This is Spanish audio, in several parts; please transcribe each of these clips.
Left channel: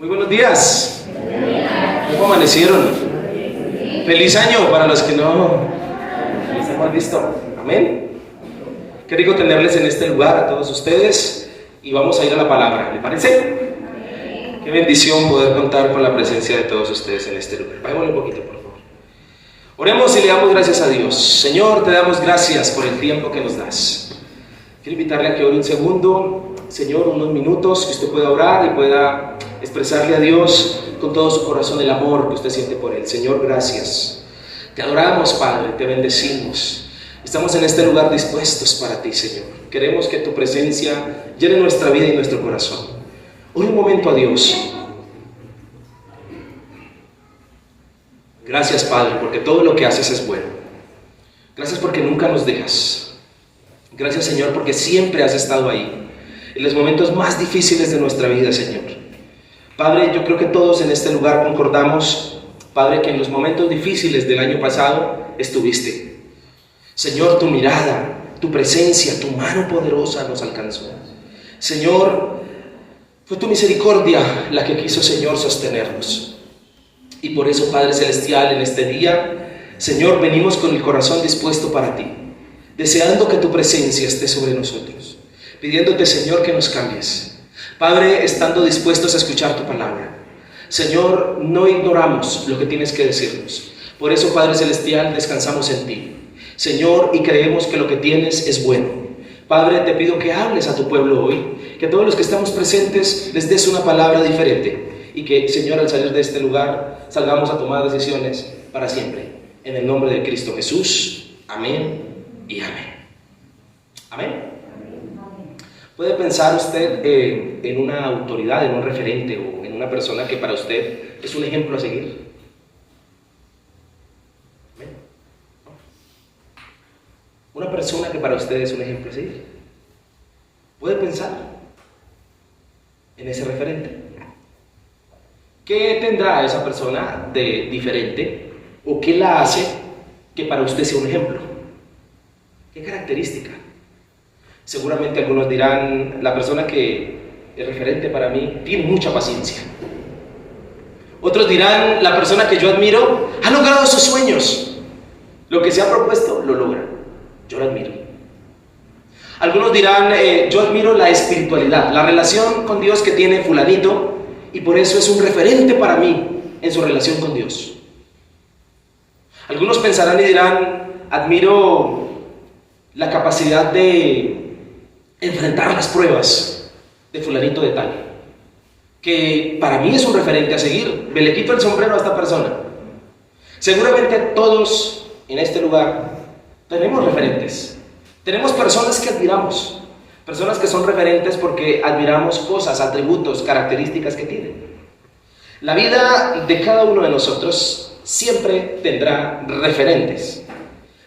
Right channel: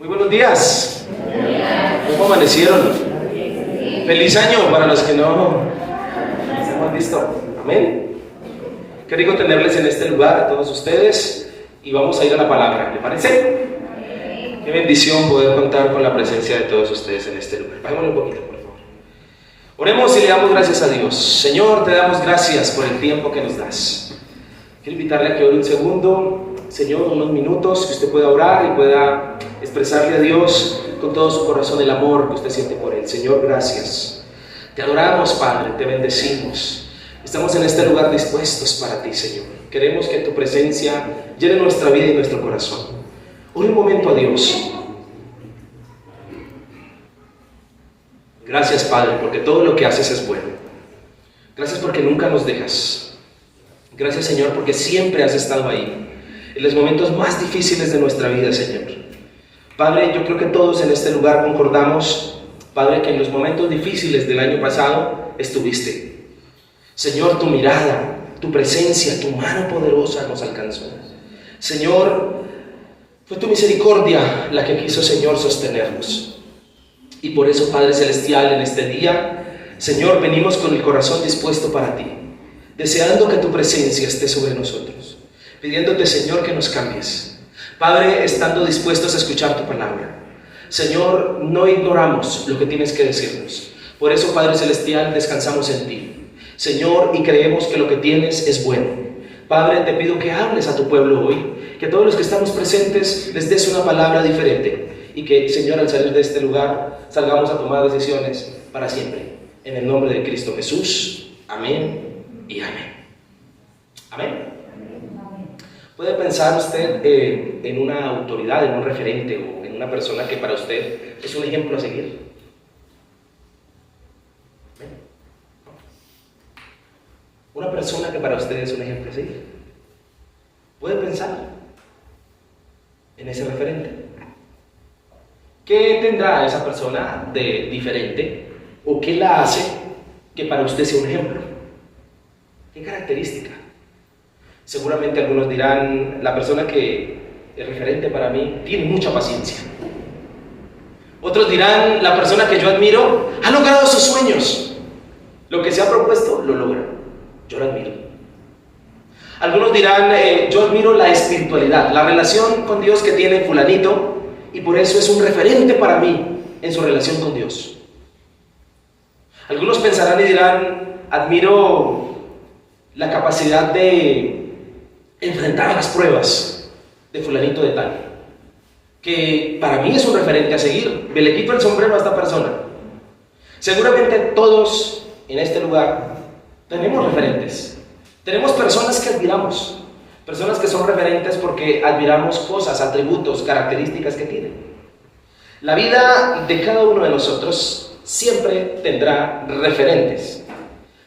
Muy buenos días. ¿Cómo amanecieron? Feliz año para los que no los hemos visto. Amén. Qué rico tenerles en este lugar a todos ustedes y vamos a ir a la palabra. ¿Le parece? Qué bendición poder contar con la presencia de todos ustedes en este lugar. Bajémosle un poquito, por favor. Oremos y le damos gracias a Dios. Señor, te damos gracias por el tiempo que nos das. Quiero invitarle a que ore un segundo, Señor, unos minutos, que usted pueda orar y pueda expresarle a Dios con todo su corazón el amor que usted siente por Él. Señor, gracias. Te adoramos, Padre, te bendecimos. Estamos en este lugar dispuestos para ti, Señor. Queremos que tu presencia llene nuestra vida y nuestro corazón. Ore un momento a Dios. Gracias, Padre, porque todo lo que haces es bueno. Gracias porque nunca nos dejas. Gracias, Señor, porque siempre has estado ahí, en los momentos más difíciles de nuestra vida, Señor. Padre, yo creo que todos en este lugar concordamos, Padre, que en los momentos difíciles del año pasado estuviste. Señor, tu mirada, tu presencia, tu mano poderosa nos alcanzó. Señor, fue tu misericordia la que quiso, Señor, sostenernos. Y por eso, Padre Celestial, en este día, Señor, venimos con el corazón dispuesto para ti, deseando que tu presencia esté sobre nosotros, pidiéndote, Señor, que nos cambies. Padre, estando dispuestos a escuchar tu palabra. Señor, no ignoramos lo que tienes que decirnos. Por eso, Padre Celestial, descansamos en ti, Señor, y creemos que lo que tienes es bueno. Padre, te pido que hables a tu pueblo hoy, que a todos los que estamos presentes les des una palabra diferente y que, Señor, al salir de este lugar salgamos a tomar decisiones para siempre. En el nombre de Cristo Jesús. Amén y amén. Amén. ¿Puede pensar usted en una autoridad, en un referente o en una persona que para usted es un ejemplo a seguir? ¿Amén? Una persona que para usted es un ejemplo a seguir. ¿Puede pensar en ese referente? ¿Qué tendrá esa persona de diferente o qué la hace que para usted sea un ejemplo? ¿Qué característica? Seguramente algunos dirán, la persona que es referente para mí tiene mucha paciencia. Otros dirán, la persona que yo admiro ha logrado sus sueños. Lo que se ha propuesto, lo logra. Yo lo admiro. Algunos dirán, yo admiro la espiritualidad, la relación con Dios que tiene fulanito, y por eso es un referente para mí en su relación con Dios. Algunos pensarán y dirán, admiro la capacidad de enfrentar las pruebas de fulanito de tal, que para mí es un referente a seguir. Me le quito el sombrero a esta persona. Seguramente todos en este lugar tenemos referentes, tenemos personas que admiramos, personas que son referentes porque admiramos cosas, atributos, características que tienen. La vida de cada uno de nosotros siempre tendrá referentes,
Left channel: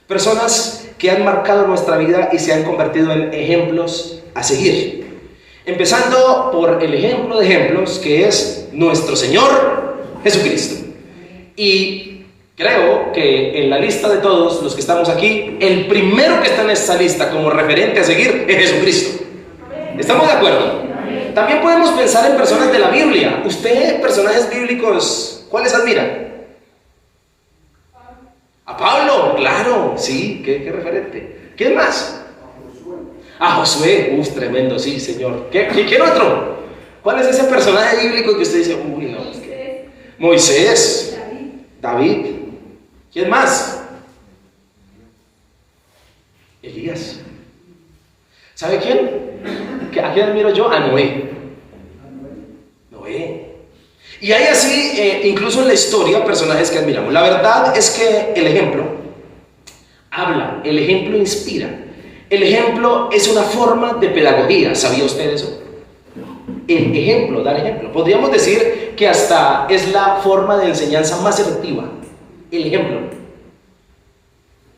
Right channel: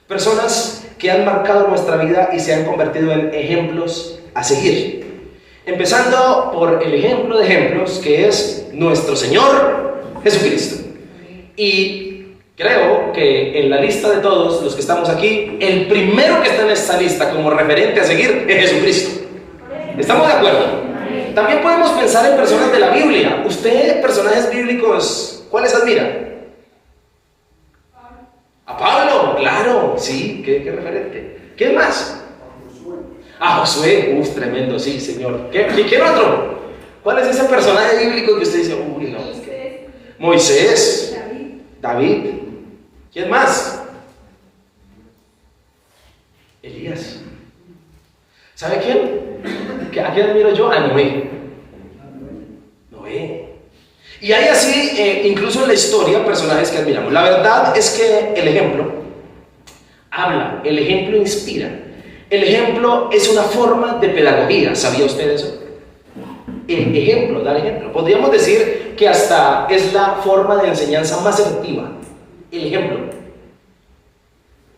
personas que han marcado nuestra vida y se han convertido en ejemplos a seguir. Empezando por el ejemplo de ejemplos que es nuestro Señor Jesucristo. Y creo que en la lista de todos los que estamos aquí, el primero que está en esta lista como referente a seguir es Jesucristo. ¿Estamos de acuerdo? También podemos pensar en personas de la Biblia. ¿Usted, personajes bíblicos, cuáles admira? A Pablo, claro, sí, qué referente. ¿Quién más? A Josué, tremendo, sí, Señor. ¿Quién otro? ¿Cuál es ese personaje bíblico que usted dice, uy, no? Moisés, David. ¿Quién más? Elías. ¿Sabe quién? ¿A quién admiro yo? A Noé. Noé. Y hay así, incluso en la historia, personajes que admiramos. La verdad es que el ejemplo habla, el ejemplo inspira. El ejemplo es una forma de pedagogía. ¿Sabía usted eso? El ejemplo, dar ejemplo. Podríamos decir que hasta es la forma de enseñanza más efectiva. El ejemplo.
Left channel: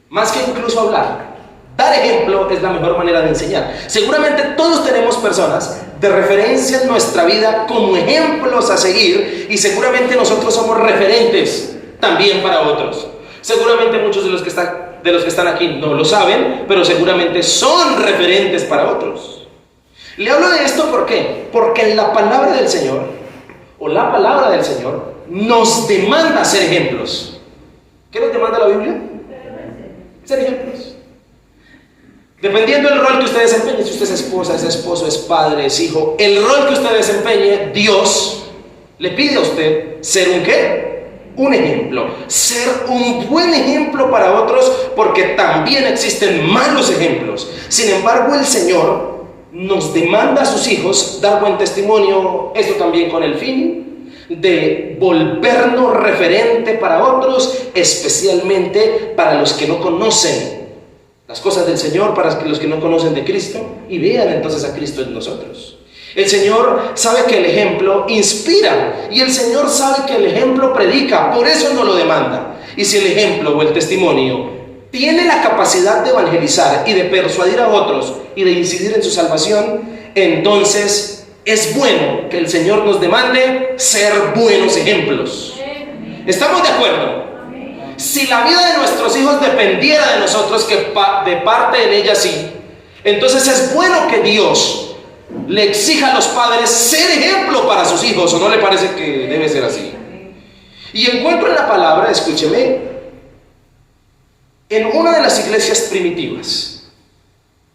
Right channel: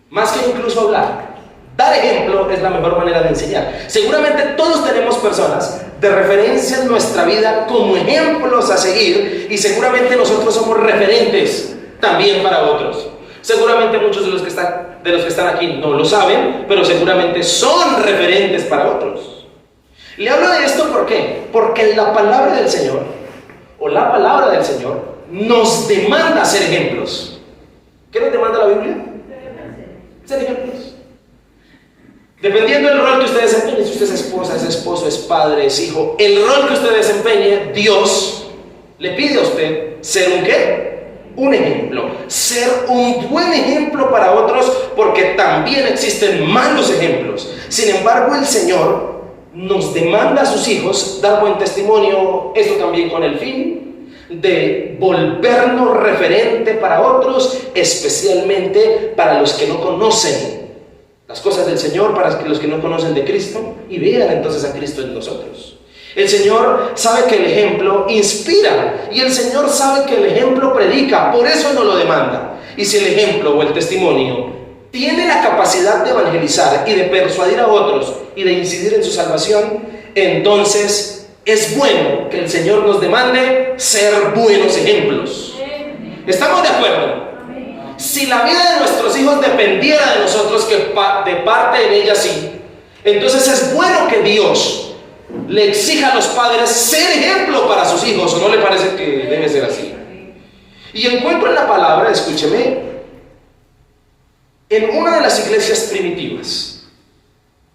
Más que incluso hablar. Dar ejemplo es la mejor manera de enseñar. Seguramente todos tenemos personas de referencia en nuestra vida como ejemplos a seguir, y seguramente nosotros somos referentes también para otros. Seguramente muchos de los que están aquí no lo saben, pero seguramente son referentes para otros. Le hablo de esto ¿por qué? Porque la palabra del Señor, o la del Señor nos demanda ser ejemplos. ¿Qué nos demanda la Biblia? Ser ejemplos. Dependiendo del rol que usted desempeñe, si usted es esposa, es esposo, es padre, es hijo, el rol que usted desempeñe, Dios le pide a usted ser un ¿qué? Un ejemplo, ser un buen ejemplo para otros, porque también existen malos ejemplos. Sin embargo, el Señor nos demanda a sus hijos dar buen testimonio, esto también con el fin de volvernos referente para otros, especialmente para los que no conocen las cosas del Señor, para los que no conocen de Cristo, y vean entonces a Cristo en nosotros. El Señor sabe que el ejemplo inspira, y el Señor sabe que el ejemplo predica, por eso nos lo demanda. Y si el ejemplo o el testimonio tiene la capacidad de evangelizar y de persuadir a otros y de incidir en su salvación, entonces es bueno que el Señor nos demande ser buenos ejemplos. ¿Estamos de acuerdo? Si la vida de nuestros hijos dependiera de nosotros, que de parte de ella sí, entonces es bueno que Dios le exija a los padres ser ejemplo para sus hijos, ¿o no le parece que debe ser así? Y encuentro en la palabra, escúcheme, en una de las iglesias primitivas,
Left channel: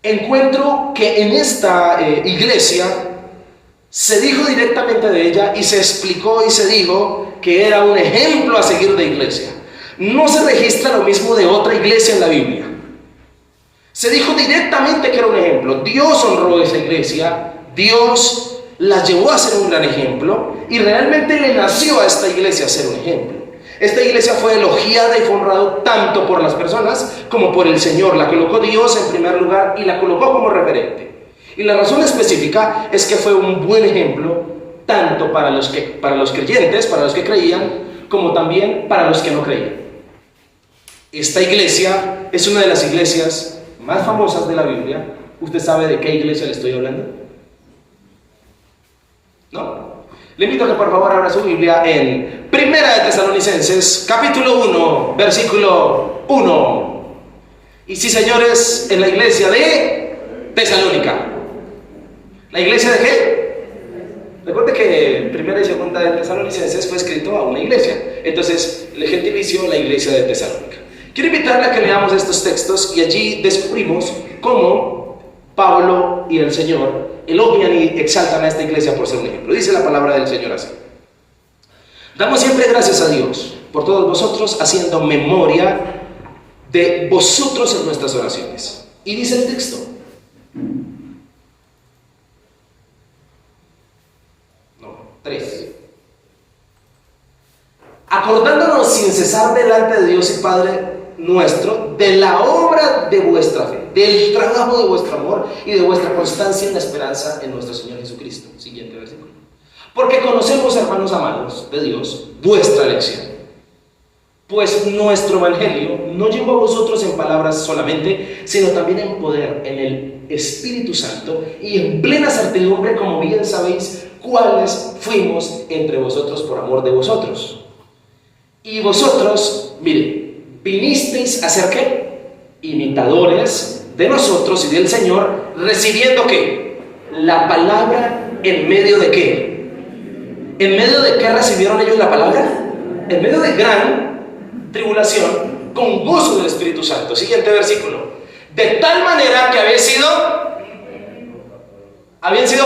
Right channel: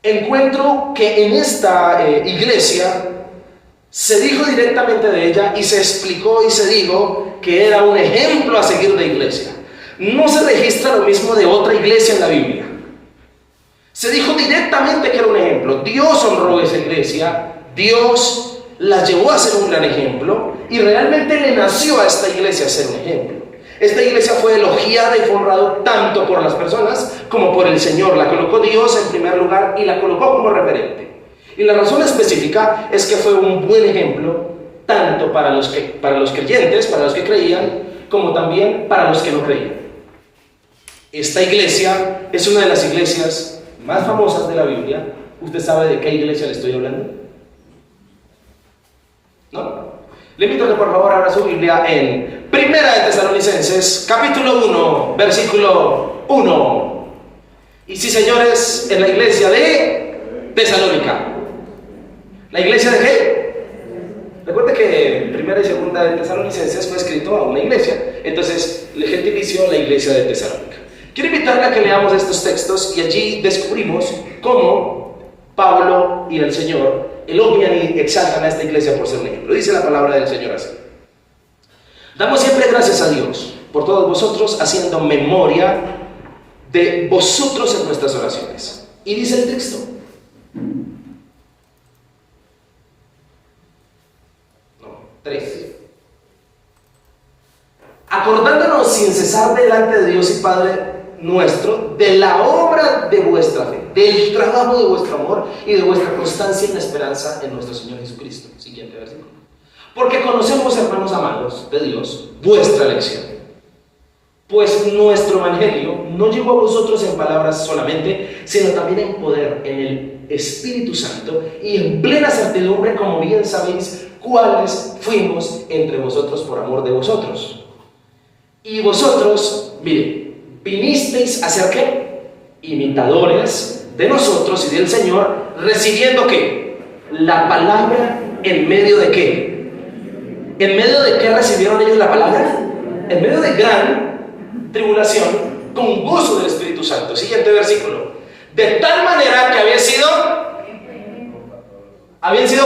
encuentro que en esta iglesia se dijo directamente de ella y se explicó y se dijo que era un ejemplo a seguir de iglesia. No se registra lo mismo de otra iglesia en la Biblia. Se dijo directamente que era un ejemplo. Dios honró esa iglesia, Dios la llevó a ser un gran ejemplo, y realmente le nació a esta iglesia ser un ejemplo. Esta iglesia fue elogiada y fue honrado tanto por las personas como por el Señor. La colocó Dios en primer lugar y la colocó como referente. Y la razón específica es que fue un buen ejemplo tanto para los creyentes, para los que creían, como también para los que no creían. Esta iglesia es una de las iglesias más famosas de la Biblia. ¿Usted sabe de qué iglesia le estoy hablando? ¿No? Le invito a que por favor abra su Biblia en Primera de Tesalonicenses, capítulo 1, versículo 1. Y sí, señores, en la iglesia de Tesalónica. ¿La iglesia de qué? Recuerde que Primera y Segunda de Tesalonicenses fue escrito a una iglesia. Entonces, el gentilicio, la iglesia de Tesalónica. Quiero invitarle a que leamos estos textos y allí descubrimos cómo Pablo y el Señor elogian y exaltan a esta iglesia por ser un ejemplo. Dice la palabra del Señor así: damos siempre gracias a Dios por todos vosotros, haciendo memoria de vosotros en nuestras oraciones. Y dice el texto: acordándonos sin cesar delante de Dios y Padre nuestro de la obra de vuestra fe, del trabajo de vuestro amor y de vuestra constancia en la esperanza en nuestro Señor Jesucristo. Siguiente versículo. Porque conocemos, hermanos amados de Dios, vuestra elección, pues nuestro evangelio no llegó a vosotros en palabras solamente, sino también en poder, en el Espíritu Santo y en plena certidumbre, como bien sabéis cuáles fuimos entre vosotros por amor de vosotros. Y vosotros, mire, vinisteis a ser ¿qué? Imitadores de nosotros y del Señor, recibiendo ¿qué? La palabra en medio de ¿qué? ¿En medio de qué recibieron ellos la palabra? En medio de gran tribulación, con gozo del Espíritu Santo. Siguiente versículo. De tal manera que habían sido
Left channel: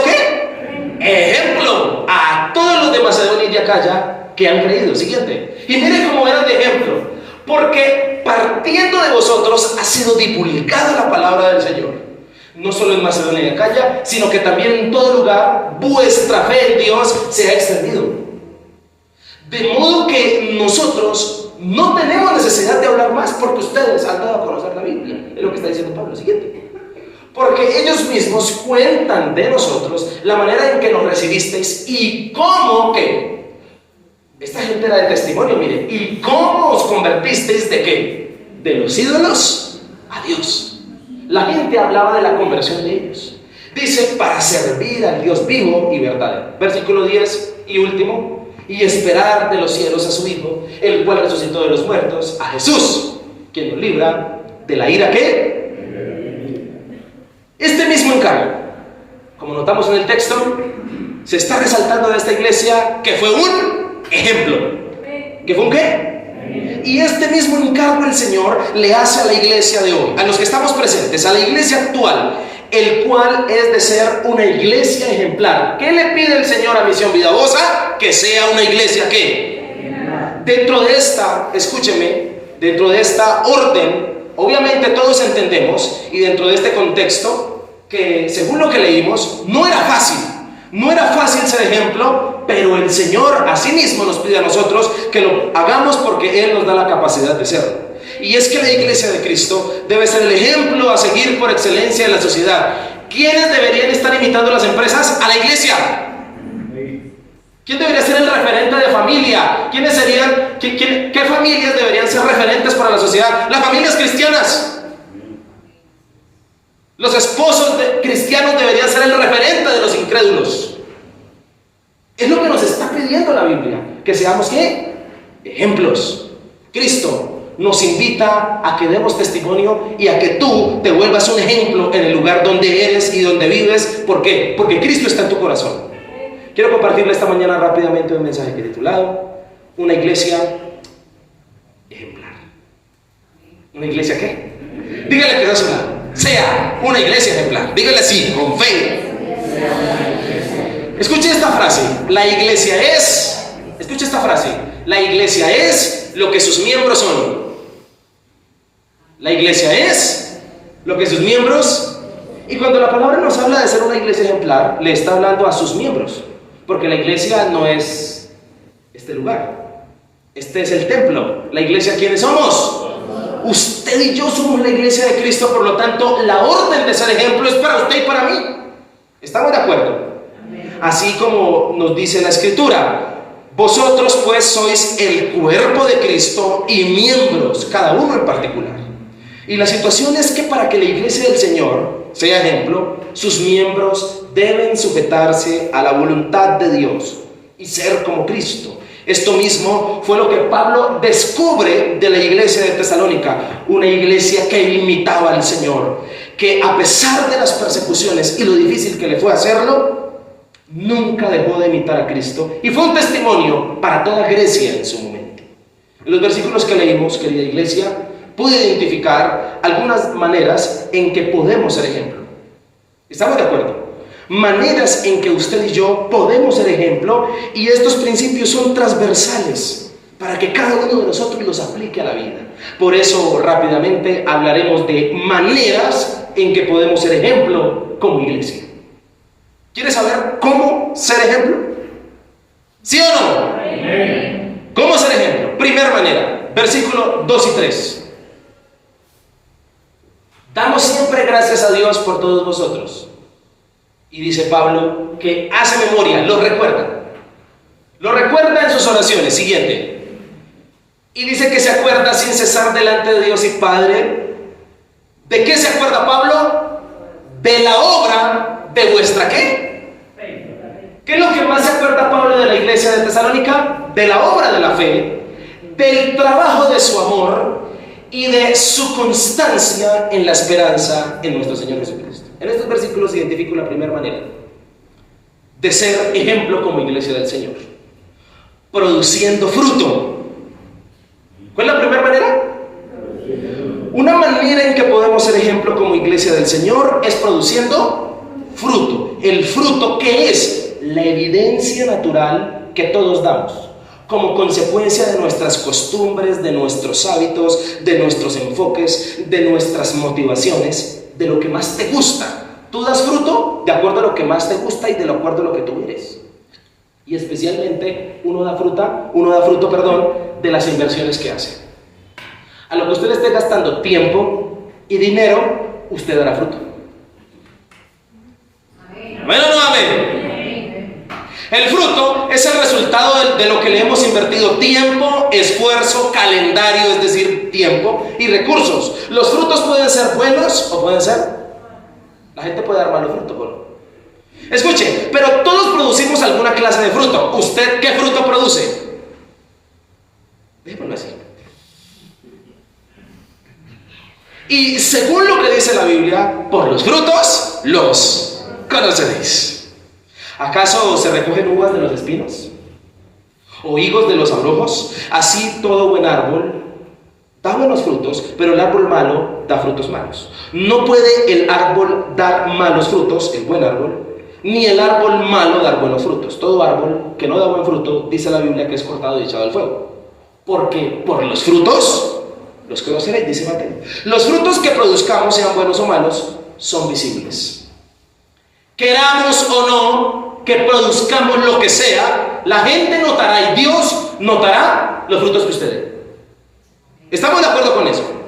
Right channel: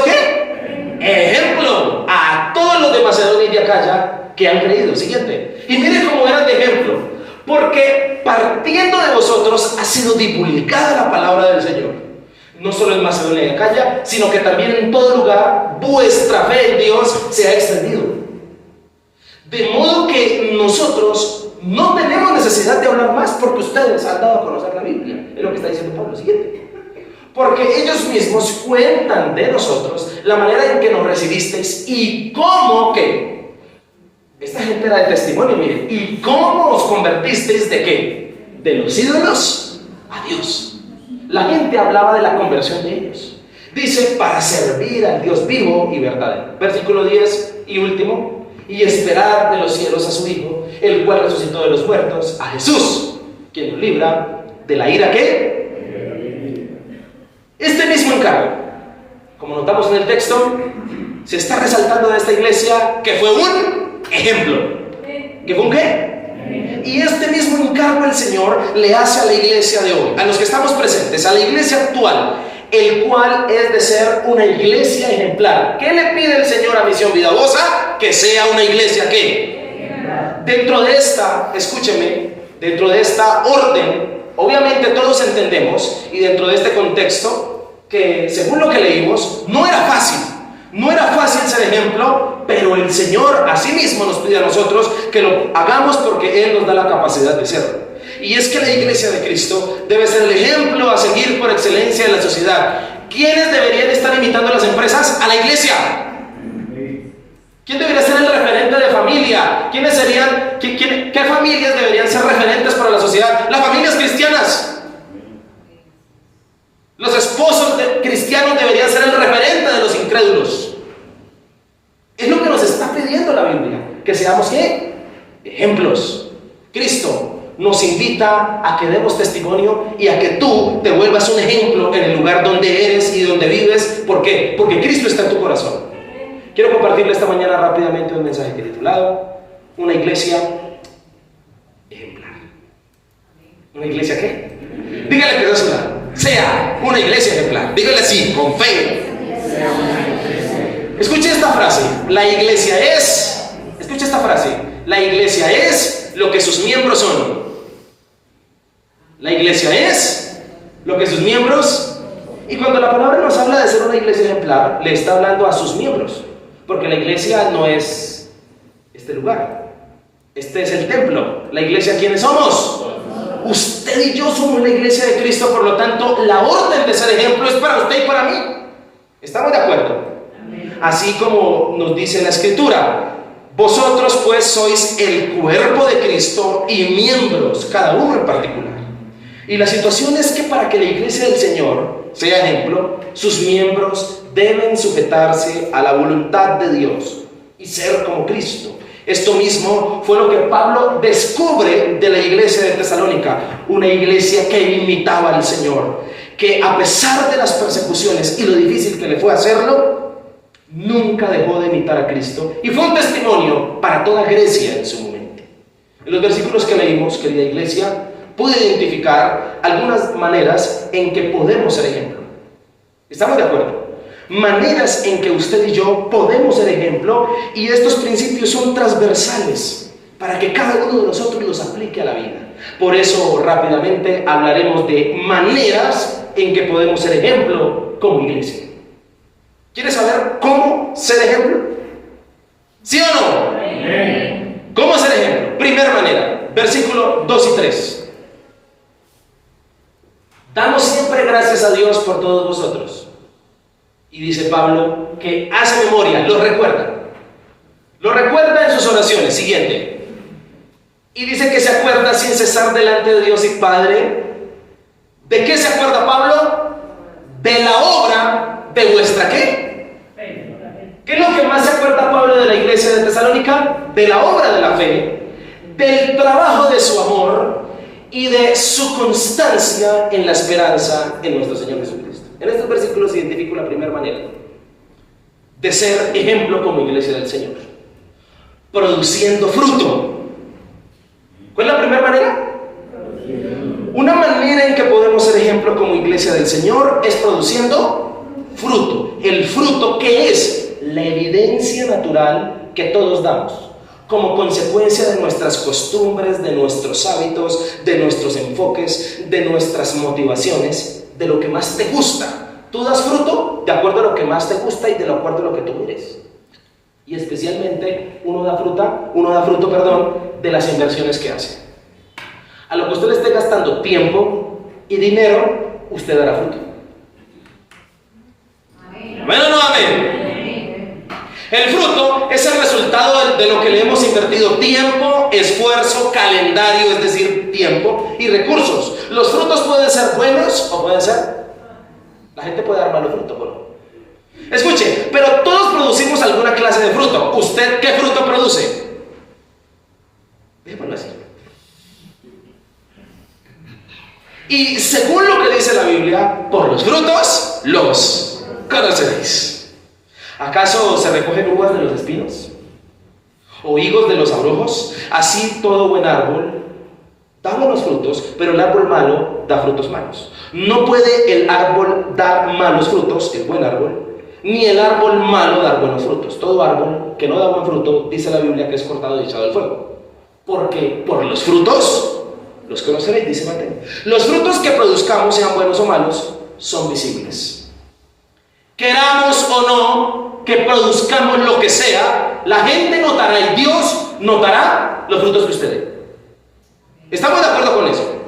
¿qué? Ejemplo a todos los de Macedonia y de Acaya que han creído. Siguiente. Y miren cómo eran de ejemplo, porque partiendo de vosotros ha sido divulgada la palabra del Señor, no solo en Macedonia y Acaya, sino que también en todo lugar vuestra fe en Dios se ha extendido. De modo que nosotros no tenemos necesidad de hablar más, porque ustedes han dado a conocer la Biblia. Es lo que está diciendo Pablo. Siguiente. Porque ellos mismos cuentan de nosotros la manera en que nos recibisteis y cómo que esta gente era de testimonio, mire, y cómo os convertisteis de qué, de los ídolos a Dios. La gente hablaba de la conversión de ellos. Dice, para servir al Dios vivo y verdadero. Versículo 10 y último: y esperar de los cielos a su Hijo, el cual resucitó de los muertos, a Jesús, quien nos libra de la ira que este mismo encargo, como notamos en el texto, se está resaltando de esta iglesia que fue un ejemplo. ¿Qué fue un qué? Y este mismo encargo el Señor le hace a la iglesia de hoy, a los que estamos presentes, a la iglesia actual, el cual es de ser una iglesia ejemplar. ¿Qué le pide el Señor a Misión Vida Bosa? Que sea una iglesia ¿qué? Dentro de esta, escúcheme, dentro de esta orden, obviamente todos entendemos, y dentro de este contexto, que según lo que leímos, no era fácil ser ejemplo, pero el Señor asimismo nos pide a nosotros que lo hagamos porque Él nos da la capacidad de serlo. Y es que la iglesia de Cristo debe ser el ejemplo a seguir por excelencia en la sociedad. ¿Quiénes deberían estar imitando a las empresas? A la iglesia. ¿Quién debería ser el referente de familia? ¿Quiénes serían, qué familias deberían ser referentes para la sociedad? Las familias cristianas. Los esposos cristianos deberían ser el referente de los incrédulos. Es lo que nos está pidiendo la Biblia, que seamos ¿qué? Ejemplos. Cristo nos invita a que demos testimonio y a que tú te vuelvas un ejemplo en el lugar donde eres y donde vives. ¿Por qué? Porque Cristo está en tu corazón. Quiero compartirle esta mañana rápidamente un mensaje que he titulado Una iglesia ejemplar. ¿Una iglesia qué? Dígale que está a su lado. Sea una iglesia ejemplar. Dígale así, con fe. Escuche esta frase. La iglesia es, escuche esta frase. La iglesia es lo que sus miembros son. La iglesia es lo que sus miembros. Y cuando la palabra nos habla de ser una iglesia ejemplar, le está hablando a sus miembros. Porque la iglesia no es este lugar. Este es el templo. La iglesia, ¿quiénes somos? Usted y yo somos la iglesia de Cristo. Por lo tanto, la orden de ser ejemplo es para usted y para mí. ¿Estamos de acuerdo? Así como nos dice la Escritura: vosotros pues sois el cuerpo de Cristo y miembros, cada uno en particular. Y la situación es que para que la iglesia del Señor sea ejemplo, sus miembros deben sujetarse a la voluntad de Dios y ser como Cristo. Esto mismo fue lo que Pablo descubre de la iglesia de Tesalónica, una iglesia que imitaba al Señor, que a pesar de las persecuciones y lo difícil que le fue hacerlo, nunca dejó de imitar a Cristo, y fue un testimonio para toda Grecia en su momento. En los versículos que leímos, querida iglesia, pude identificar algunas maneras en que podemos ser ejemplo. ¿Estamos de acuerdo? Maneras en que usted y yo podemos ser ejemplo, y estos principios son transversales para que cada uno de nosotros los aplique a la vida. Por eso rápidamente hablaremos de maneras en que podemos ser ejemplo como iglesia. ¿Quieres saber cómo ser ejemplo? ¿Sí o no? Amén. ¿Cómo ser ejemplo? Primera manera, versículos 2 y 3. Damos siempre gracias a Dios por todos vosotros. Y dice Pablo que hace memoria, lo recuerda en sus oraciones. Siguiente. Y dice que se acuerda sin cesar delante de Dios y Padre. ¿De qué se acuerda Pablo? De la obra de vuestra ¿qué? ¿Qué es lo que más se acuerda Pablo de la iglesia de Tesalónica? De la obra de la fe, del trabajo de su amor y de su constancia en la esperanza en nuestro Señor Jesucristo. En estos versículos identifico la primera manera de ser ejemplo como iglesia del Señor: produciendo fruto. ¿Cuál es la primera manera? Una manera en que podemos ser ejemplo como iglesia del Señor es produciendo fruto. El fruto, que es la evidencia natural que todos damos como consecuencia de nuestras costumbres, de nuestros hábitos, de nuestros enfoques, de nuestras motivaciones, de lo que más te gusta. Tú das fruto de acuerdo a lo que más te gusta y de acuerdo a lo que tú eres. Y especialmente uno da fruto, de las inversiones que hace. A lo que usted esté gastando tiempo y dinero, usted dará fruto. ¿Amén o no amén? El fruto es el resultado de lo que le hemos invertido: tiempo, esfuerzo, calendario, es decir, tiempo y recursos. Los frutos pueden ser buenos o pueden ser... La gente puede dar malos frutos, ¿no? Escuche, pero todos producimos alguna clase de fruto. ¿Usted qué fruto produce? Déjame así. Y según lo que dice la Biblia, por los frutos los conoceréis. ¿Acaso se recogen uvas de los espinos? o higos de los abrojos. Así todo buen árbol da buenos frutos, pero el árbol malo da frutos malos. No puede el árbol dar malos frutos, el buen árbol, ni el árbol malo dar buenos frutos. Todo árbol que no da buen fruto, dice la Biblia, que es cortado y echado al fuego. Porque por los frutos los conoceréis, dice Mateo. Los frutos que produzcamos, sean buenos o malos, son visibles. Queramos o no que produzcamos lo que sea, la gente notará y Dios notará los frutos que usted dé. ¿Estamos de acuerdo con eso?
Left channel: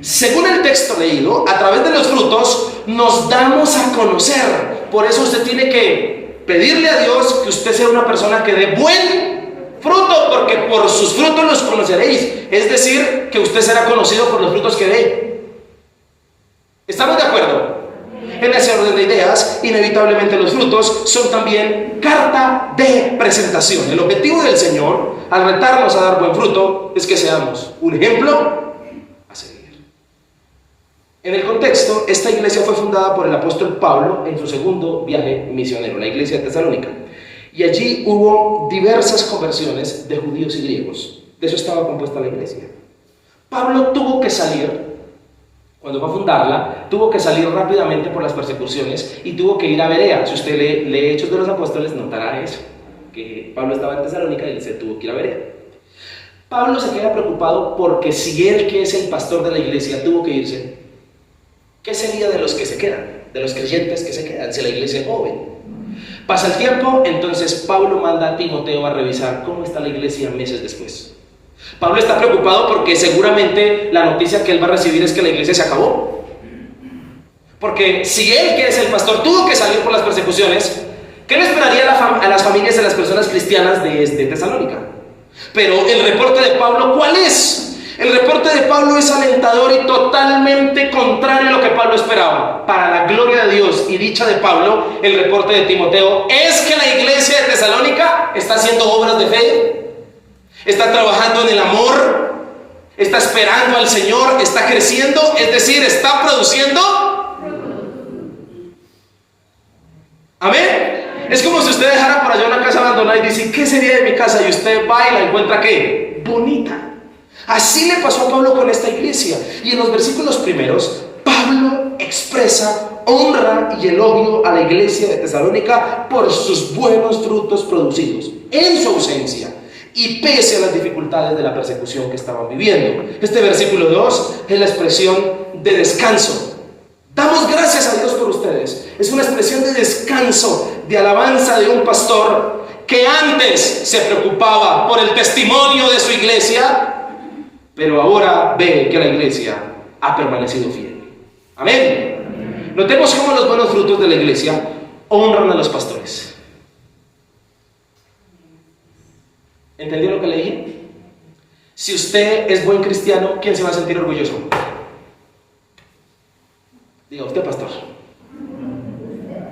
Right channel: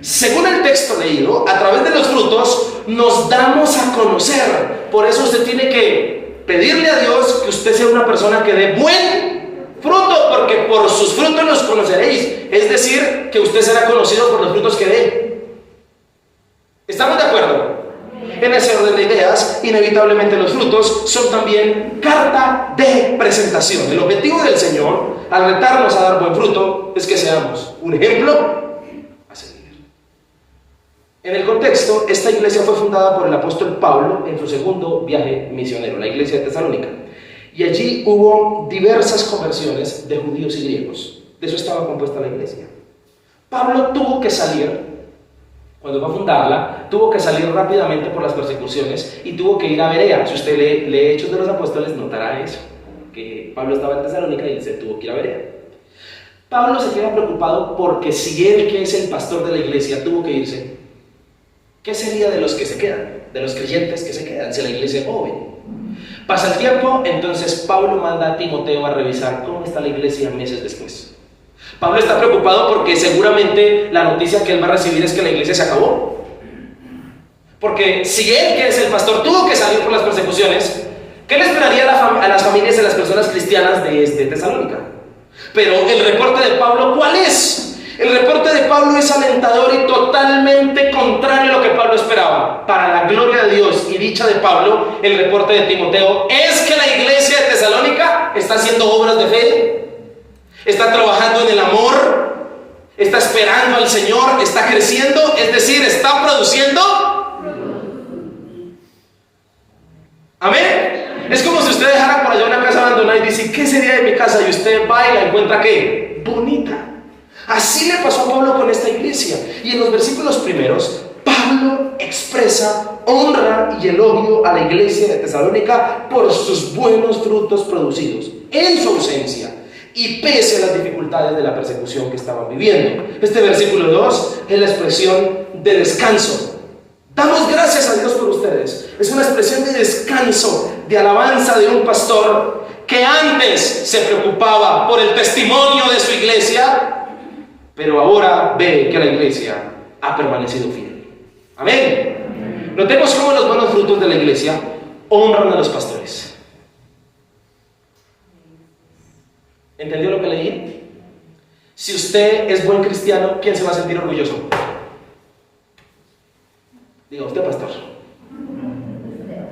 Según el texto leído, a través de los frutos nos damos a conocer. Por eso usted tiene que pedirle a Dios que usted sea una persona que dé buen fruto, porque por sus frutos los conoceréis. Es decir, que usted será conocido por los frutos que dé. ¿Estamos de acuerdo? En ese orden de ideas, inevitablemente los frutos son también carta de presentación. El objetivo del Señor, al retarnos a dar buen fruto, es que seamos un ejemplo a seguir. En el contexto, esta iglesia fue fundada por el apóstol Pablo en su segundo viaje misionero, la iglesia de Tesalónica. Y allí hubo diversas conversiones de judíos y griegos. De eso estaba compuesta la iglesia. Pablo tuvo que salir. Cuando fue a fundarla, tuvo que salir rápidamente por las persecuciones y tuvo que ir a Berea. Si usted lee Hechos de los Apóstoles, notará eso, que Pablo estaba en Tesalónica y él se tuvo que ir a Berea. Pablo se queda preocupado porque si él, que es el pastor de la iglesia, tuvo que irse, ¿qué sería de los que se quedan? De los creyentes que se quedan, si la iglesia es joven. Pasa el tiempo, entonces Pablo manda a Timoteo a revisar cómo está la iglesia meses después. Pablo está preocupado porque seguramente la noticia que él va a recibir es que la iglesia se acabó. Porque si él, que es el pastor, tuvo que salir por las persecuciones, ¿qué le esperaría a las familias de las personas cristianas de Tesalónica? Pero el reporte de Pablo, ¿cuál es? El reporte de Pablo es alentador y totalmente contrario a lo que Pablo esperaba. Para la gloria de Dios y dicha de Pablo, el reporte de Timoteo es que la iglesia de Tesalónica está haciendo obras de fe. Está trabajando en el amor, está esperando al Señor, está creciendo, es decir, está produciendo. Amén. Es como si usted dejara por allá una casa abandonada y dice, ¿qué sería de mi casa? Y usted va y la encuentra, ¿qué? Bonita. Así le pasó a Pablo con esta iglesia. Y en los versículos primeros, Pablo expresa honra y elogio a la iglesia de Tesalónica por sus buenos frutos producidos en su ausencia y pese a las dificultades de la persecución que estaban viviendo. Este versículo 2 es la expresión de descanso. Damos gracias a Dios por ustedes. Es una expresión de descanso, de alabanza de un pastor que antes se preocupaba por el testimonio de su iglesia, pero ahora ve que la iglesia ha permanecido fiel. Amén. Notemos cómo los buenos frutos de la iglesia honran a los pastores. ¿Entendió lo que leí? Si usted es buen cristiano, ¿quién se va a sentir orgulloso? Diga, usted, pastor.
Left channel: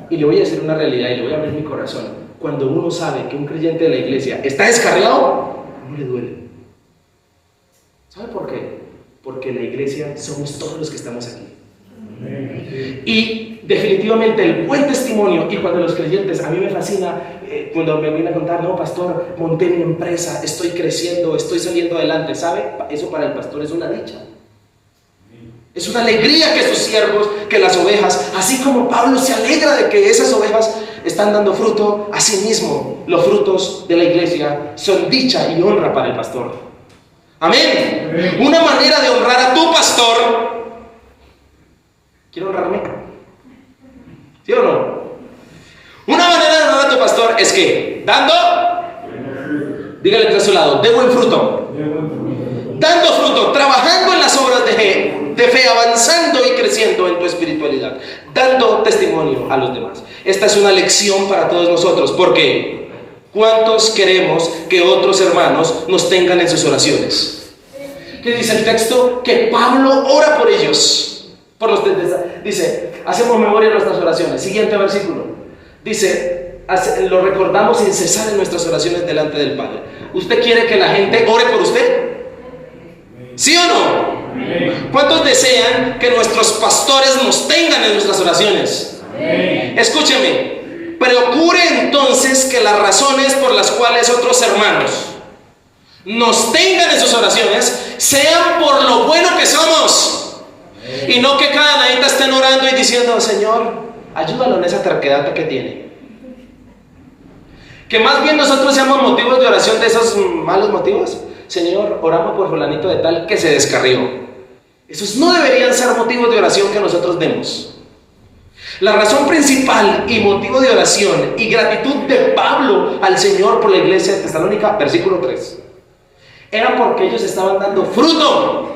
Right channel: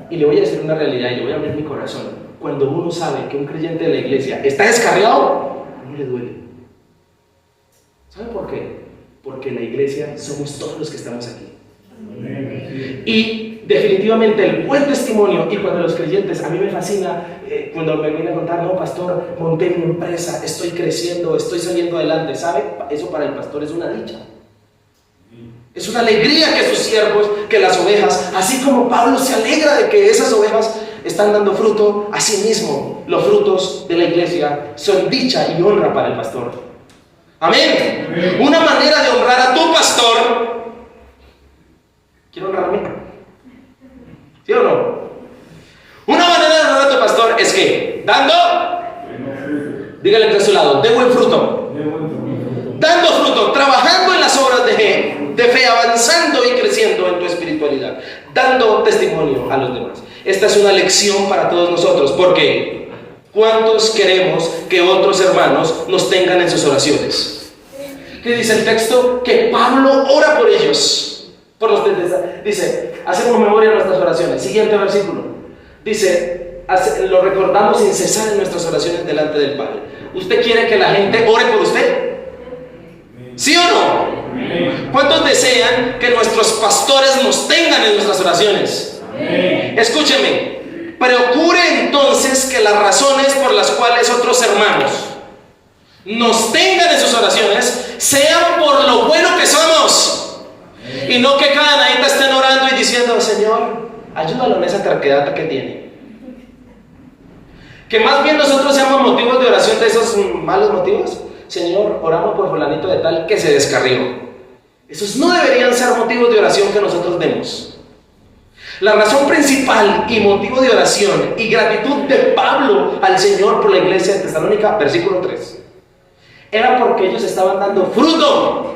Y le voy a decir una realidad y le voy a abrir mi corazón. Cuando uno sabe que un creyente de la iglesia está descarriado, no le duele. ¿Saben por qué? Porque la iglesia somos todos los que estamos aquí. Y definitivamente el buen testimonio, y cuando los creyentes, a mí me fascina cuando me vienen a contar, no, pastor, monté mi empresa, estoy creciendo, estoy saliendo adelante. ¿Sabe? Eso para el pastor es una dicha. Es una alegría que sus siervos, que las ovejas, así como Pablo se alegra de que esas ovejas están dando fruto, así mismo los frutos de la iglesia son dicha y honra para el pastor. Amén. Amén. Una manera de honrar a tu pastor. ¿Quiero honrarme? ¿Sí o no? Una manera de honrar a tu pastor es que, dando, dígale que a su lado, de buen fruto. Dando fruto, trabajando en las obras de fe, avanzando y creciendo en tu espiritualidad, dando testimonio a los demás. Esta es una lección para todos nosotros, porque ¿cuántos queremos que otros hermanos nos tengan en sus oraciones? ¿Qué dice el texto? Que Pablo ora por ellos. Dice, hacemos memoria de nuestras oraciones. Siguiente versículo. Dice, lo recordamos sin cesar en nuestras oraciones delante del Padre. ¿Usted quiere que la gente ore por usted? ¿Sí o no? ¿Cuántos desean que nuestros pastores nos tengan en nuestras oraciones? Escúcheme, procure entonces que las razones por las cuales otros hermanos nos tengan en sus oraciones sean por lo bueno que somos. Y no que cada nadita estén orando y diciendo: Señor, ayúdalo en esa terquedad que tiene. Que más bien nosotros seamos motivos de oración de esos malos motivos. Señor, oramos por fulanito de tal que se descarrió. Esos no deberían ser motivos de oración que nosotros demos. La razón principal y motivo de oración y gratitud de Pablo al Señor por la iglesia de Tesalónica, versículo 3, era porque ellos estaban dando fruto,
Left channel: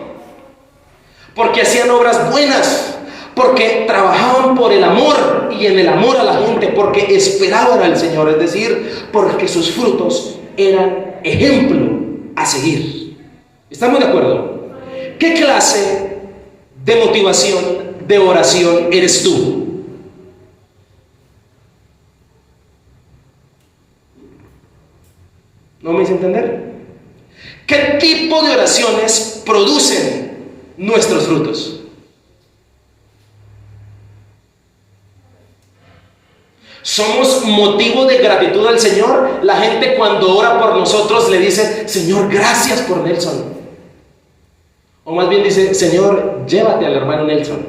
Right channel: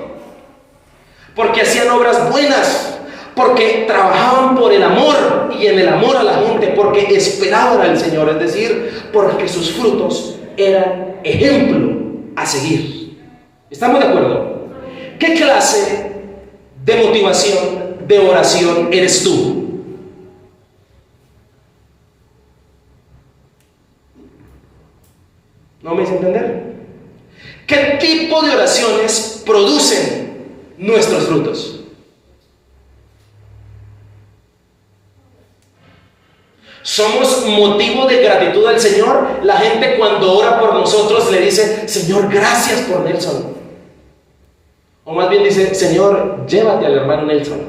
porque hacían obras buenas, porque trabajaban por el amor y en el amor a la gente, porque esperaban al Señor, es decir, porque sus frutos eran ejemplo a seguir. ¿Estamos de acuerdo? ¿Qué clase de motivación, de oración eres tú? ¿No me hice entender? ¿Qué tipo de oraciones producen nuestros frutos? ¿Somos motivo de gratitud al Señor? La gente cuando ora por nosotros le dice: Señor, gracias por Nelson. O más bien dice: Señor, llévate al hermano Nelson.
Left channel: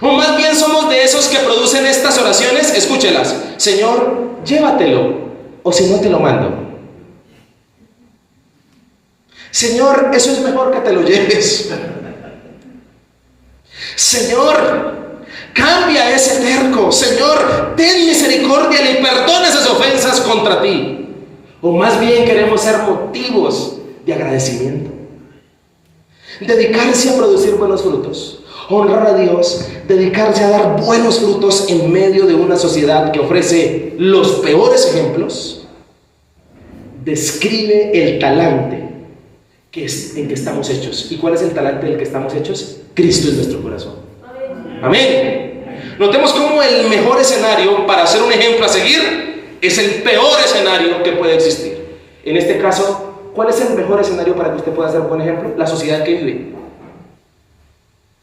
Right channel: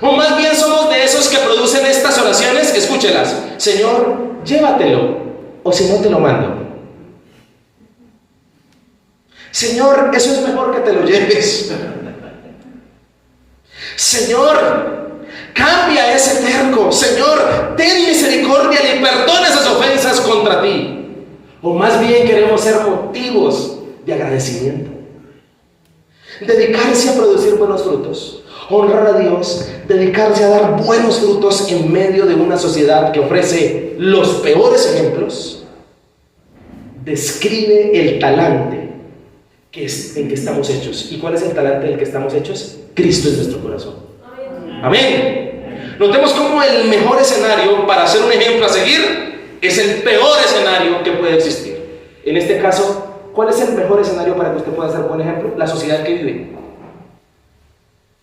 O más bien somos de esos que producen estas oraciones, escúchelas: Señor, llévatelo, o si no te lo mando. Señor, eso es mejor que te lo lleves. Señor, cambia ese terco. Señor, ten misericordia y perdona esas ofensas contra ti. O más bien queremos ser motivos de agradecimiento. Dedicarse a producir buenos frutos, honrar a Dios, dedicarse a dar buenos frutos en medio de una sociedad que ofrece los peores ejemplos, describe el talante en que estamos hechos. ¿Y cuál es el talante del que estamos hechos? Cristo es nuestro corazón. Amén. Notemos cómo el mejor escenario para ser un ejemplo a seguir es el peor escenario que puede existir. En este caso, ¿cuál es el mejor escenario para que usted pueda ser buen ejemplo? La sociedad que vive.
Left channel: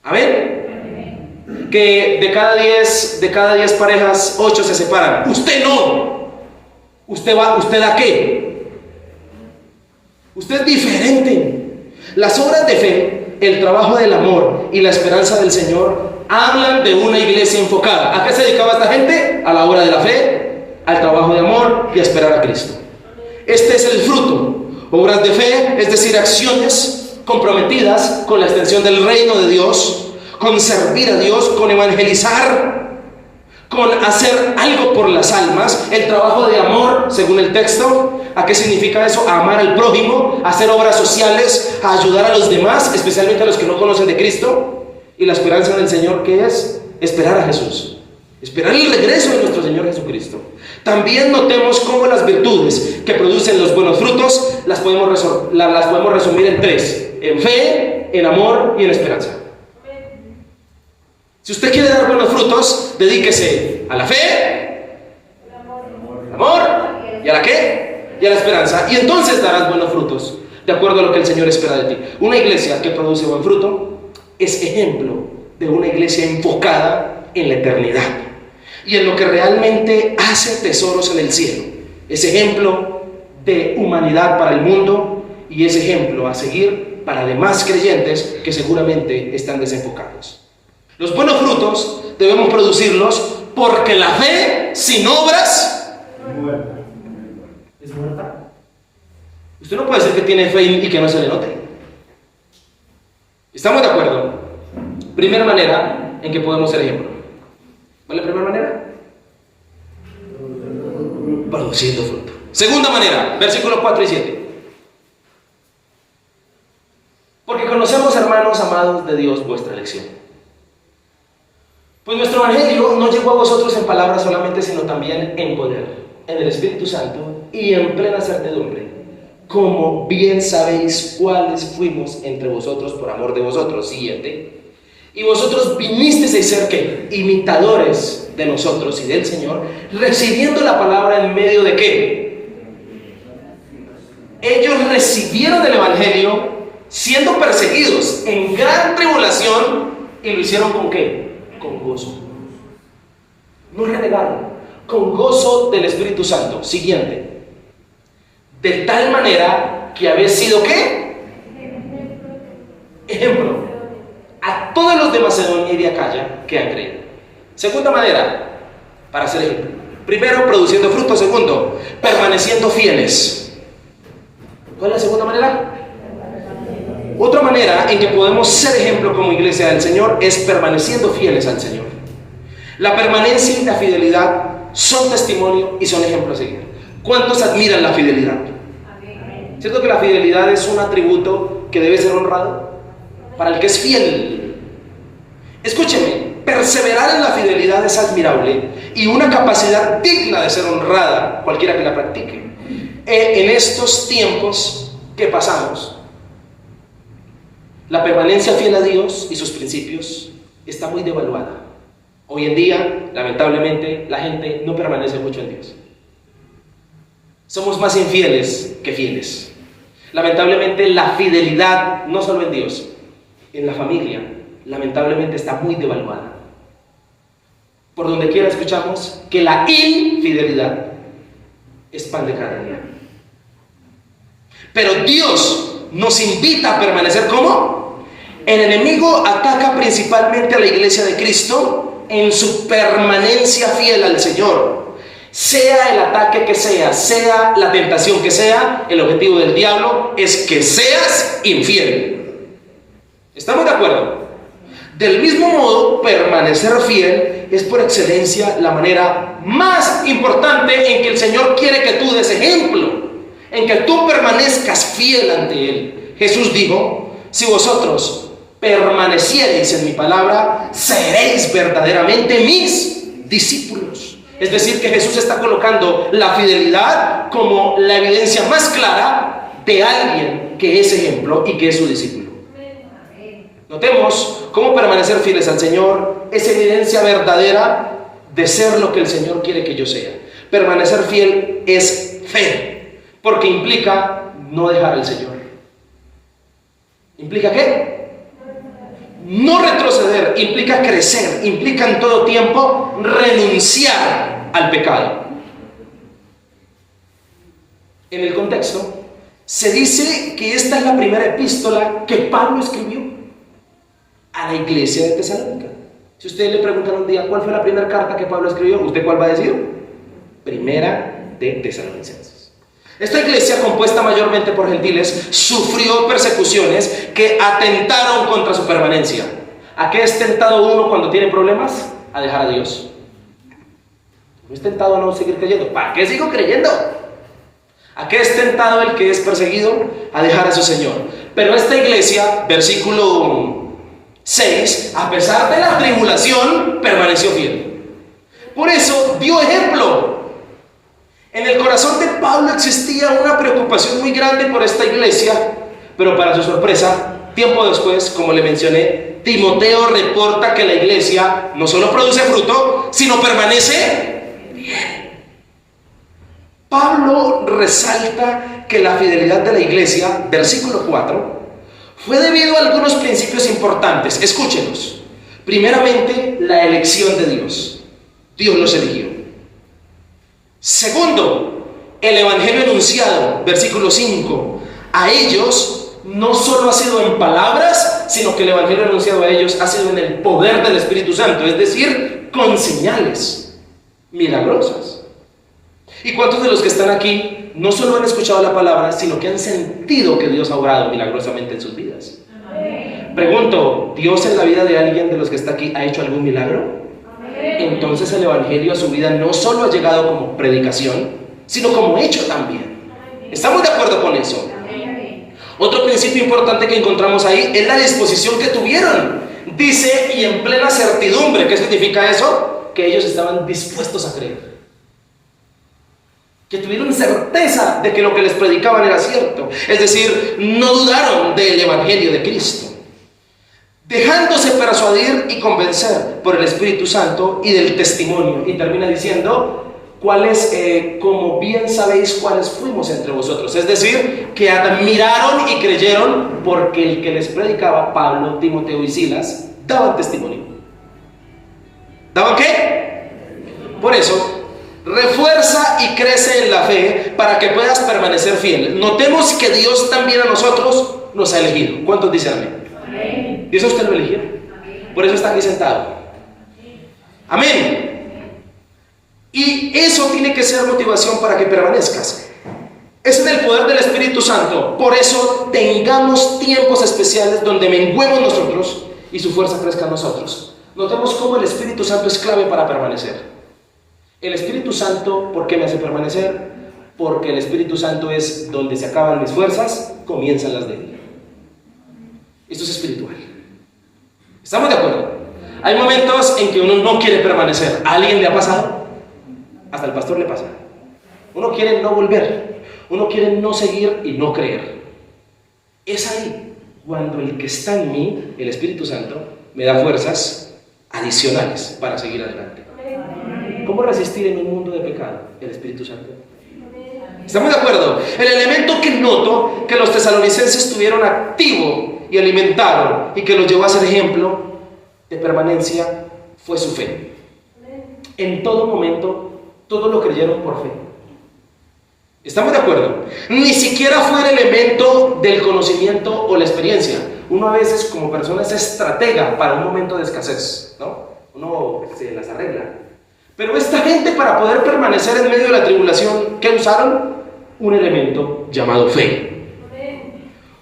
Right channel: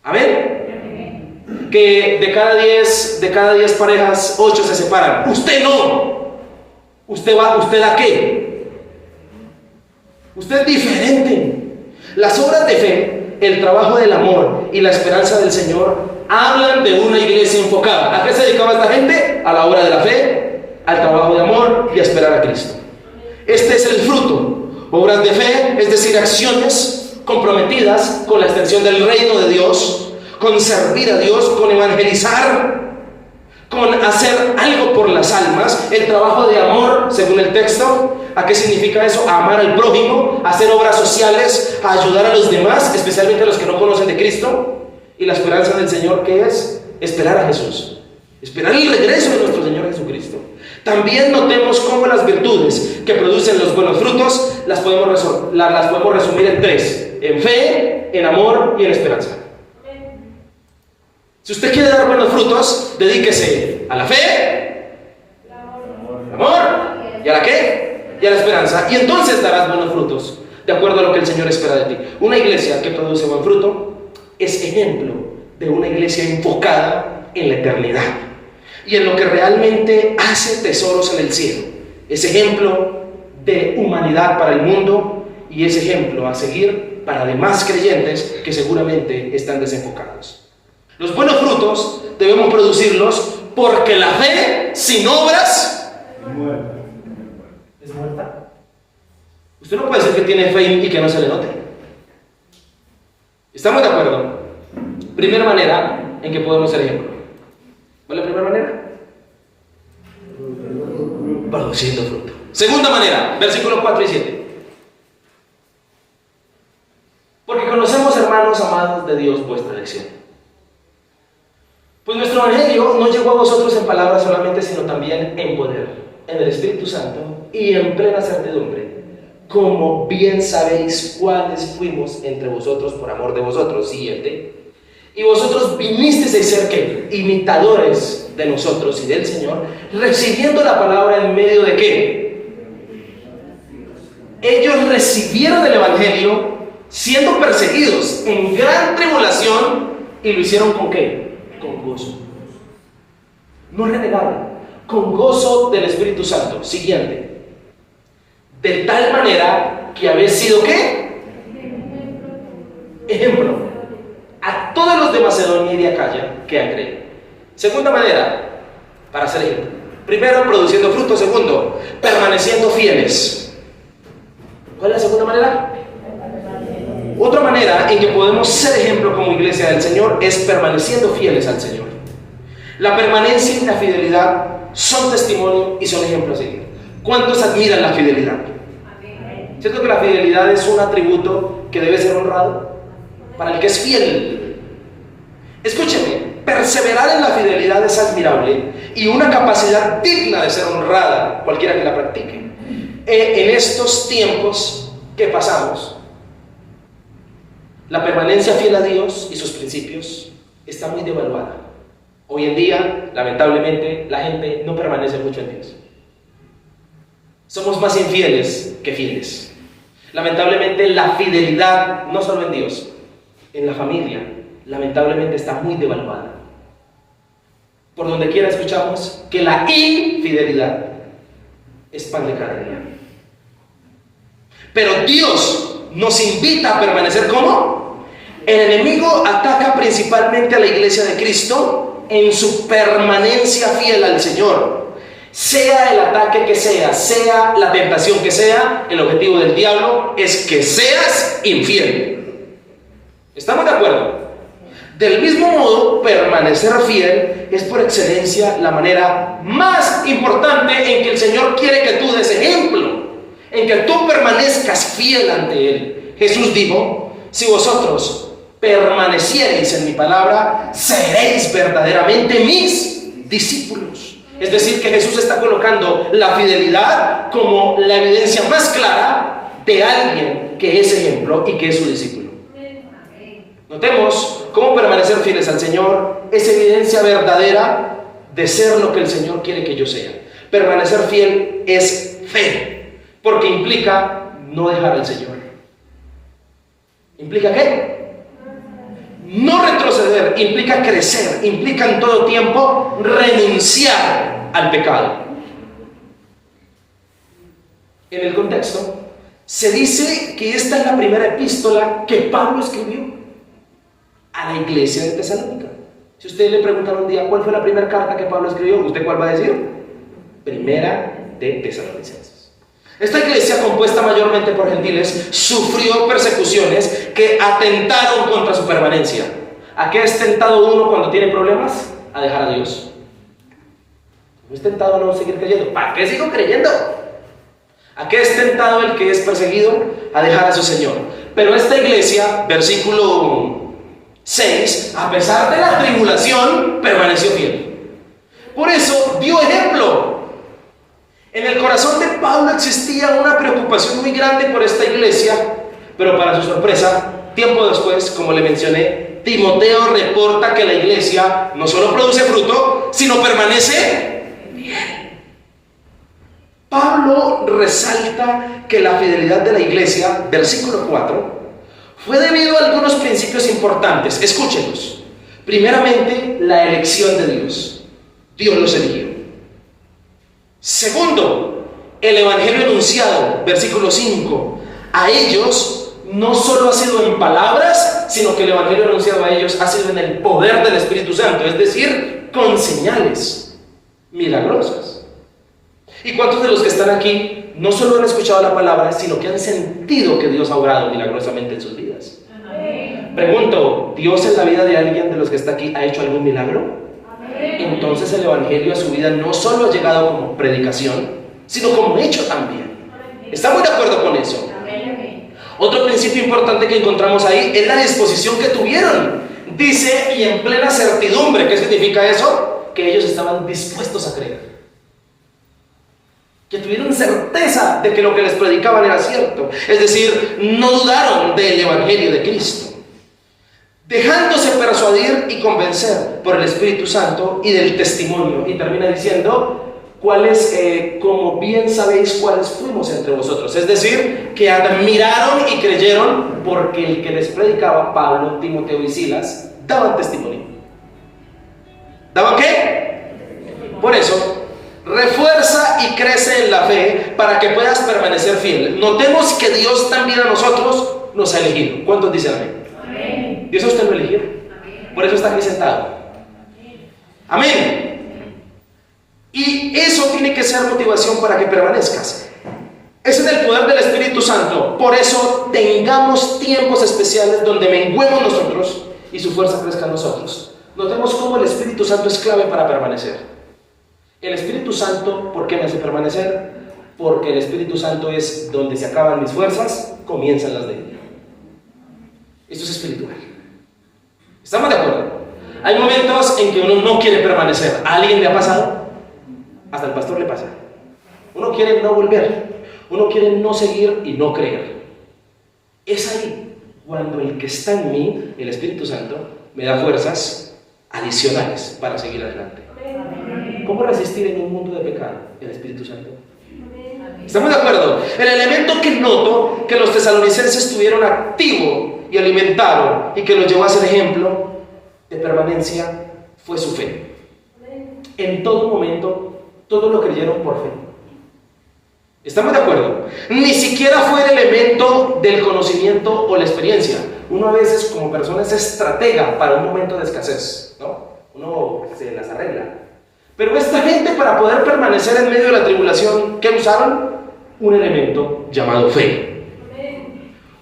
Amén. Que de cada 10 parejas, 8 se separan. Usted no. ¿Usted da qué? Usted es diferente. Las obras de fe, el trabajo del amor y la esperanza del Señor hablan de una iglesia enfocada. ¿A qué se dedicaba esta gente? A la obra de la fe, al trabajo de amor y a esperar a Cristo. Este es el fruto. Obras de fe, es decir, acciones comprometidas con la extensión del reino de Dios, con servir a Dios, con evangelizar, con hacer algo por las almas. El trabajo de amor, según el texto, ¿a qué significa eso? A amar al prójimo, a hacer obras sociales, a ayudar a los demás, especialmente a los que no conocen de Cristo. Y la esperanza del Señor, ¿qué es? Esperar a Jesús, esperar el regreso de nuestro Señor Jesucristo. También notemos cómo las virtudes que producen los buenos frutos las podemos resumir en 3: en fe, en amor y en esperanza. Si usted quiere dar buenos frutos, dedíquese a la fe, al amor y a la ¿qué? Y a la esperanza. Y entonces darás buenos frutos, de acuerdo a lo que el Señor espera de ti. Una iglesia que produce buen fruto es ejemplo de una iglesia enfocada en la eternidad y en lo que realmente hace tesoros en el cielo. Es ejemplo de humanidad para el mundo y es ejemplo a seguir para demás creyentes que seguramente están desenfocados. Los buenos frutos debemos producirlos porque la fe sin obras es muerta. Usted no puede decir que tiene fe y que no se le note. ¿Estamos de acuerdo? Primera manera en que podemos ser ejemplo. ¿Cuál es la primera manera? Produciendo fruto. Segunda manera, versículos 4 y 7. Porque conocemos, hermanos amados de Dios, vuestra elección. Pues nuestro evangelio no llegó a vosotros en palabras solamente, sino también en poder, en el Espíritu Santo y en plena certidumbre, como bien sabéis cuáles fuimos entre vosotros por amor de vosotros. Siguiente. Y vosotros vinisteis a ser ¿qué? Imitadores de nosotros y del Señor, recibiendo la palabra en medio de ¿qué? Ellos recibieron el evangelio siendo perseguidos en gran tribulación y lo hicieron ¿con qué? Con gozo. No renegaron, con gozo del Espíritu Santo. Siguiente. de tal manera que habéis sido ¿qué? Ejemplo a todos los de Macedonia y de Acaya que han creído. Segunda manera, para ser ejemplo. Primero, produciendo fruto. Segundo, permaneciendo fieles. ¿Cuál es la segunda manera? Otra manera en que podemos ser ejemplo como iglesia del Señor es permaneciendo fieles al Señor. La permanencia y la fidelidad son testimonio y son ejemplo a seguir. ¿Cuántos admiran la fidelidad? ¿Cierto que la fidelidad es un atributo que debe ser honrado para el que es fiel? Escúcheme, perseverar en la fidelidad es admirable y una capacidad digna de ser honrada, cualquiera que la practique. En estos tiempos que pasamos, la permanencia fiel a Dios y sus principios está muy devaluada. Hoy en día, lamentablemente, la gente no permanece mucho en Dios. Somos más infieles que fieles. Lamentablemente, la fidelidad, no solo en Dios, en la familia, lamentablemente está muy devaluada. Por donde quiera escuchamos que la infidelidad es pan de cada día. Pero Dios nos invita a permanecer ¿cómo? El enemigo ataca principalmente a la iglesia de Cristo en su permanencia fiel al Señor. Sea el ataque que sea la tentación que sea, el objetivo del diablo es que seas infiel. ¿Estamos de acuerdo? Del mismo modo, permanecer fiel es por excelencia la manera más importante en que el Señor quiere que tú des ejemplo, en que tú permanezcas fiel ante Él. Jesús dijo: si vosotros permaneciereis en mi palabra, seréis verdaderamente mis discípulos. Es decir, que Jesús está colocando la fidelidad como la evidencia más clara de alguien que es ejemplo y que es su discípulo. Notemos cómo permanecer fieles al Señor es evidencia verdadera de ser lo que el Señor quiere que yo sea. Permanecer fiel es fe, porque implica no dejar al Señor. ¿Implica qué? No retroceder, implica crecer, implica en todo tiempo renunciar al pecado. En el contexto, se dice que esta es la primera epístola que Pablo escribió a la iglesia de Tesalónica. Si ustedes le preguntan un día cuál fue la primera carta que Pablo escribió, ¿usted cuál va a decir? Primera de Tesalonicenses. Esta iglesia, compuesta mayormente por gentiles, sufrió persecuciones que atentaron contra su permanencia. ¿A qué es tentado uno cuando tiene problemas? A dejar a Dios. ¿No es tentado a no seguir creyendo? ¿Para qué sigo creyendo? ¿A qué es tentado el que es perseguido? A dejar a su Señor. Pero esta iglesia, versículo 6, a pesar de la tribulación, permaneció fiel. Por eso dio ejemplo. En el corazón de Pablo existía una preocupación muy grande por esta iglesia, pero para su sorpresa, tiempo después, como le mencioné, Timoteo reporta que la iglesia no solo produce fruto, sino permanece fiel. Pablo resalta que la fidelidad de la iglesia, versículo 4, fue debido a algunos principios importantes. Escúchenos. Primeramente, la elección de Dios. Dios los eligió. Segundo, el evangelio enunciado, versículo 5. A ellos no solo ha sido en palabras, sino que el evangelio anunciado a ellos ha sido en el poder del Espíritu Santo, es decir, con señales milagrosas. ¿Y cuántos de los que están aquí no solo han escuchado la palabra, sino que han sentido que Dios ha obrado milagrosamente en sus vidas? Amén. Pregunto, ¿Dios en la vida de alguien de los que está aquí ha hecho algún milagro? Amén. Entonces el evangelio a su vida no solo ha llegado como predicación, sino como hecho también. ¿Estamos de acuerdo con eso? Amén. Otro principio importante que encontramos ahí es la disposición que tuvieron. Dice, y en plena certidumbre. ¿Qué significa eso? Que ellos estaban dispuestos a creer, que tuvieron certeza de que lo que les predicaban era cierto. Es decir, no dudaron del evangelio de Cristo, dejándose persuadir y convencer por el Espíritu Santo y del testimonio. Y termina diciendo, cuáles, como bien sabéis, cuáles fuimos entre vosotros. Es decir, que admiraron y creyeron porque el que les predicaba, Pablo, Timoteo y Silas, daban testimonio. ¿Daban qué? Por eso, refuerza y crece en la fe para que puedas permanecer fiel. Notemos que Dios también a nosotros nos ha elegido. ¿Cuántos dicen amén? Amén. Dios a usted lo eligió. Por eso está aquí sentado. Amén. Y eso tiene que ser motivación para que permanezcas. Ese es el poder del Espíritu Santo. Por eso tengamos tiempos especiales donde menguemos nosotros y su fuerza crezca en nosotros. Notemos cómo el Espíritu Santo es clave para permanecer. El Espíritu Santo, ¿por qué me hace permanecer? Porque el Espíritu Santo es donde se acaban mis fuerzas, comienzan las de Él. Esto es espiritual. ¿Estamos de acuerdo? Hay momentos en que uno no quiere permanecer. ¿A alguien le ha pasado? Hasta al pastor le pasa. Uno quiere no volver. Uno quiere no seguir y no creer. Es ahí cuando el que está en mí, el Espíritu Santo, me da fuerzas adicionales para seguir adelante. ¿Cómo resistir en un mundo de pecado? El Espíritu Santo. ¿Estamos de acuerdo? El elemento que noto que los tesalonicenses tuvieron activo y alimentado y que los llevó a ser ejemplo de permanencia fue su fe. En todo momento, todos lo creyeron por fe. ¿Estamos de acuerdo? Ni siquiera fue el elemento del conocimiento o la experiencia. Uno a veces como persona es estratega para un momento de escasez, ¿no? Uno se las arregla. Pero esta gente, para poder permanecer en medio de la tribulación, ¿qué usaron? Un elemento llamado fe.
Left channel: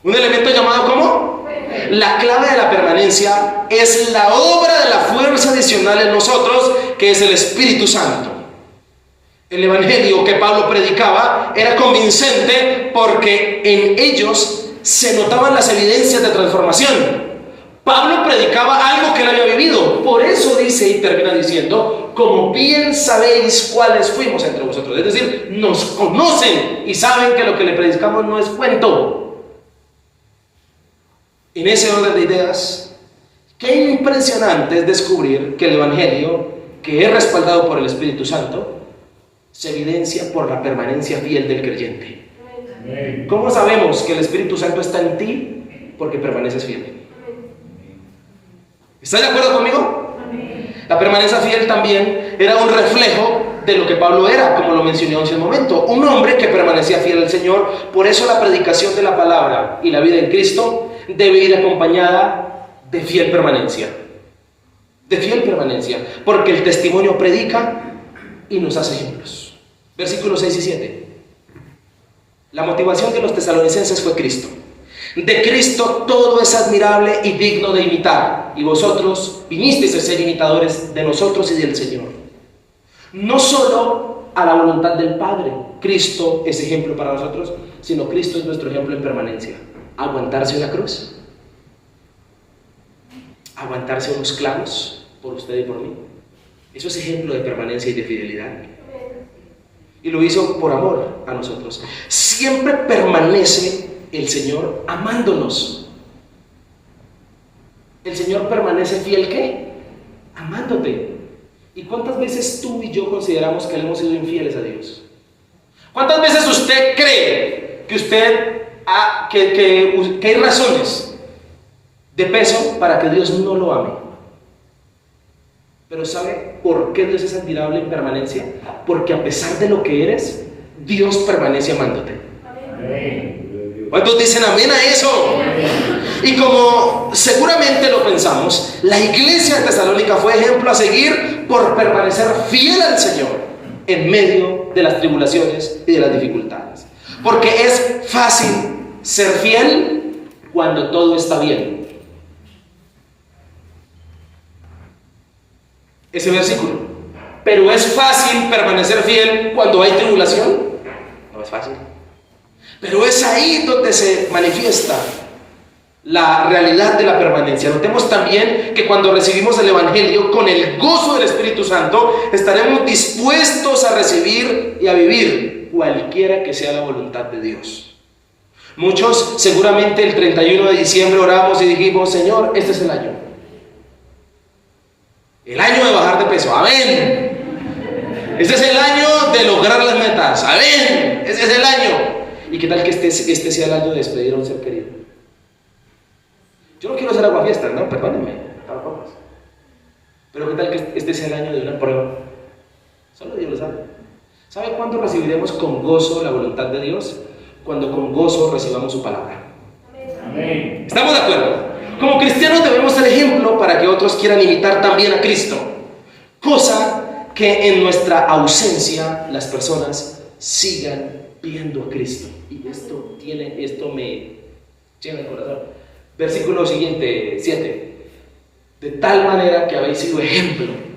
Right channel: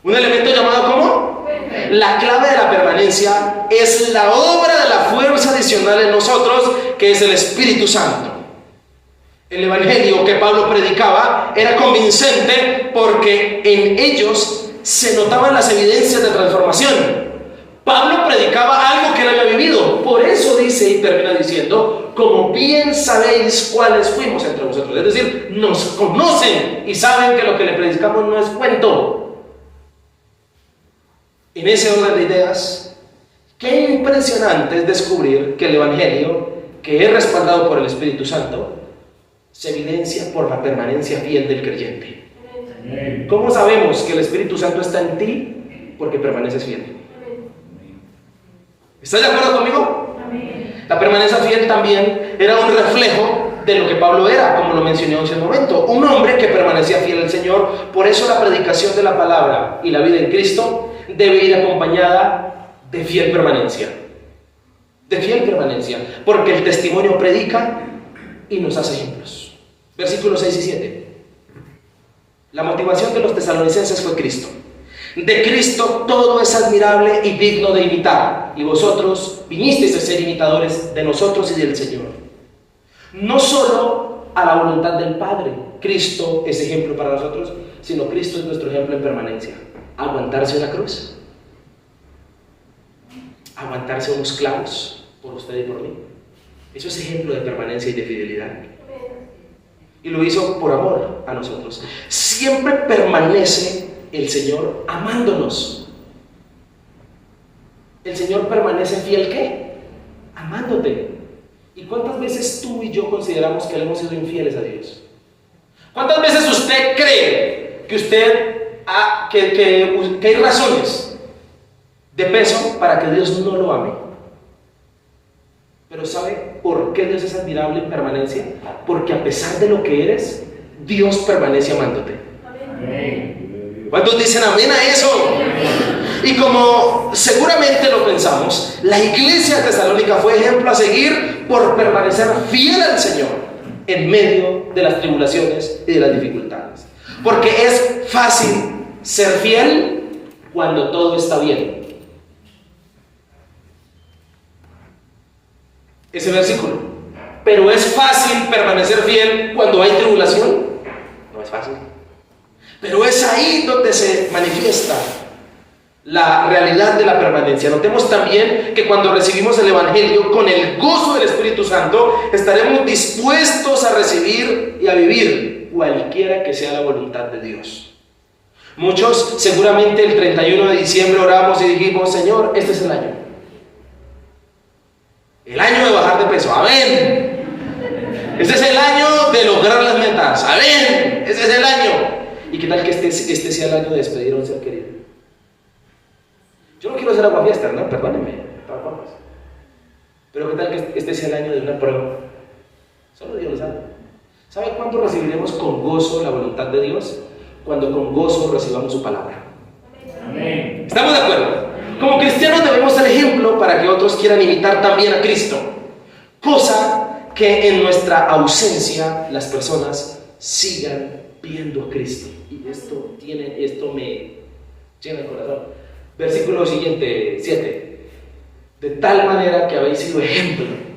¿Un elemento llamado cómo? La clave de la permanencia es la obra de la fuerza adicional en nosotros, que es el Espíritu Santo. El evangelio que Pablo predicaba era convincente porque en ellos se notaban las evidencias de transformación. Pablo predicaba algo que él había vivido. Por eso dice y termina diciendo: como bien sabéis cuáles fuimos entre vosotros. Es decir, nos conocen y saben que lo que le predicamos no es cuento. En ese orden de ideas, qué impresionante es descubrir que el evangelio, que es respaldado por el Espíritu Santo, se evidencia por la permanencia fiel del creyente. ¿Cómo sabemos que el Espíritu Santo está en ti? Porque permaneces fiel. ¿Estás de acuerdo conmigo? La permanencia fiel también era un reflejo de lo que Pablo era, como lo mencioné hace un momento, un hombre que permanecía fiel al Señor. Por eso la predicación de la palabra y la vida en Cristo debe ir acompañada de fiel permanencia. De fiel permanencia, porque el testimonio predica y nos hace ejemplos. Versículos 6 y 7. La motivación de los tesalonicenses fue Cristo. De Cristo todo es admirable y digno de imitar, y vosotros vinisteis a ser imitadores de nosotros y del Señor. No solo a la voluntad del Padre, Cristo es ejemplo para nosotros, sino Cristo es nuestro ejemplo en permanencia. Aguantarse una cruz, aguantarse unos clavos por usted y por mí. Eso es ejemplo de permanencia y de fidelidad. Y lo hizo por amor a nosotros. Siempre permanece el Señor amándonos. El Señor permanece fiel, ¿qué? Amándote. ¿Y cuántas veces tú y yo consideramos que le hemos sido infieles a Dios? ¿Cuántas veces usted cree que hay razones de peso para que Dios no lo ame? Pero ¿sabe por qué Dios es admirable en permanencia? Porque a pesar de lo que eres, Dios permanece amándote. Amén. ¿Cuántos dicen amén a eso? Y como seguramente lo pensamos, la iglesia de Tesalónica fue ejemplo a seguir por permanecer fiel al Señor en medio de las tribulaciones y de las dificultades. Porque es fácil ser fiel cuando todo está bien. Ese versículo. Pero es fácil permanecer fiel cuando hay tribulación. No es fácil. Pero es ahí donde se manifiesta la realidad de la permanencia. Notemos también que cuando recibimos el Evangelio con el gozo del Espíritu Santo, estaremos dispuestos a recibir y a vivir cualquiera que sea la voluntad de Dios. Muchos seguramente el 31 de diciembre oramos y dijimos: Señor, este es el año. El año de bajar de peso. Amén. Este es el año de lograr las metas. Amén. Ese es el año. ¿Y qué tal que este sea el año de despedir a un ser querido? Yo no quiero hacer aguafiestas, ¿no? Perdónenme. Pero qué tal que este sea el año de una prueba. Solo Dios lo sabe. ¿Sabe cuándo recibiremos con gozo la voluntad de Dios? Cuando con gozo recibamos su palabra. Amén. ¿Estamos de acuerdo? Como cristianos debemos ser ejemplo para que otros quieran imitar también a Cristo, cosa que en nuestra ausencia las personas sigan viendo a Cristo. Y esto me llena el corazón. Versículo siguiente, 7. De tal manera que habéis sido ejemplo.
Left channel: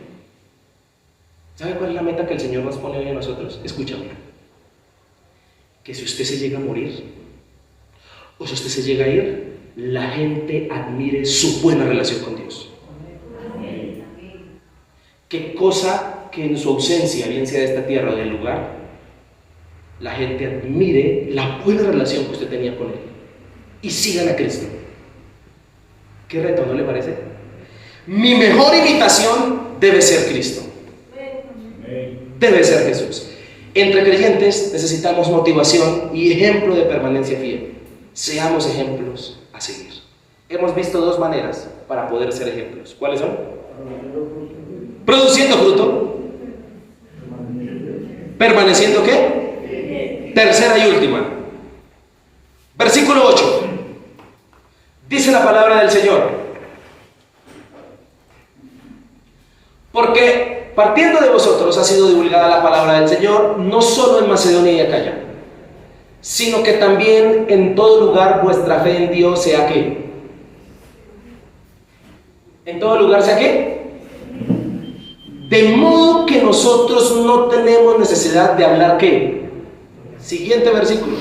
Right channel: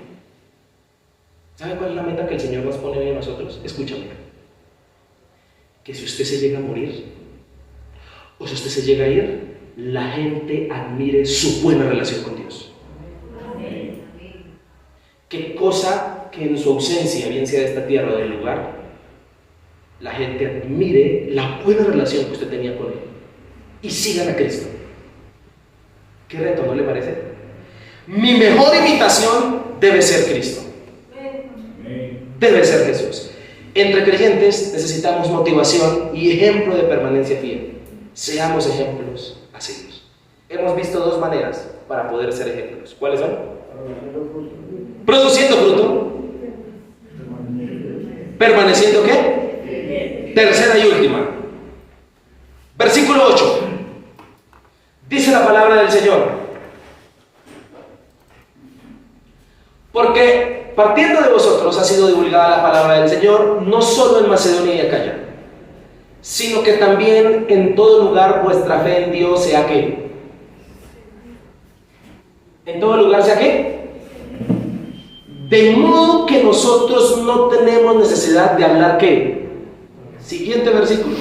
¿Sabe cuál es la meta que el Señor nos pone hoy a nosotros? Escúchame. Que si usted se llega a morir, o si usted se llega a ir, la gente admire su buena relación con Dios. Amén. Qué cosa que en su ausencia, bien sea de esta tierra o del lugar, la gente admire la buena relación que usted tenía con Él y sigan a Cristo. ¿Qué reto, no le parece? Mi mejor imitación debe ser Cristo. Debe ser Jesús. Entre creyentes necesitamos motivación y ejemplo de permanencia fiel. Seamos ejemplos a seguir. Hemos visto dos maneras para poder ser ejemplos. ¿Cuáles son? Produciendo fruto. ¿Permaneciendo qué? Tercera y última. Versículo 8. Dice la palabra del Señor: porque partiendo de vosotros ha sido divulgada la palabra del Señor, no solo en Macedonia y Acaya, sino que también en todo lugar vuestra fe en Dios sea ¿qué? En todo lugar sea ¿qué? De modo que nosotros no tenemos necesidad de hablar ¿qué? Siguiente versículo.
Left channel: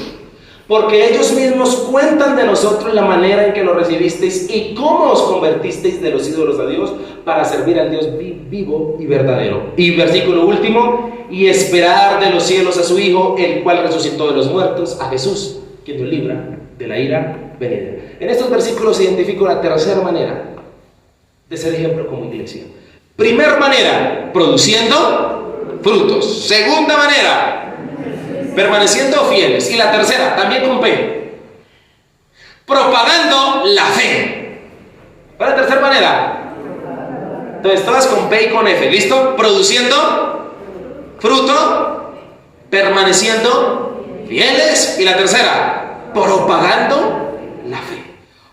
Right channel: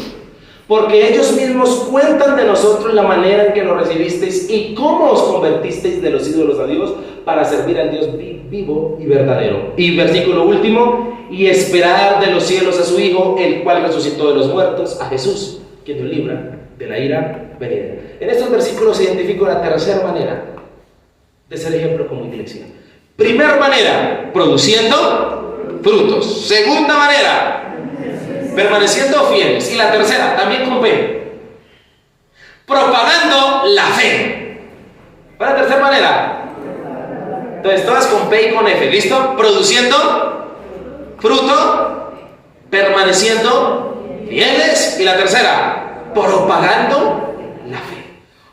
Porque ellos mismos cuentan de nosotros la manera en que nos recibisteis y cómo os convertisteis de los ídolos a Dios para servir al Dios vivo y verdadero. Y versículo último: y esperar de los cielos a su Hijo, el cual resucitó de los muertos, a Jesús, quien nos libra de la ira venidera. En estos versículos se identifica la tercera manera de ser ejemplo como iglesia. Primera manera, produciendo frutos. Segunda manera, permaneciendo fieles. Y la tercera, también con P, propagando la fe. ¿Cuál es la tercera manera? Entonces todas con P y con F. ¿Listo? Produciendo fruto, permaneciendo fieles. Y la tercera, propagando la fe.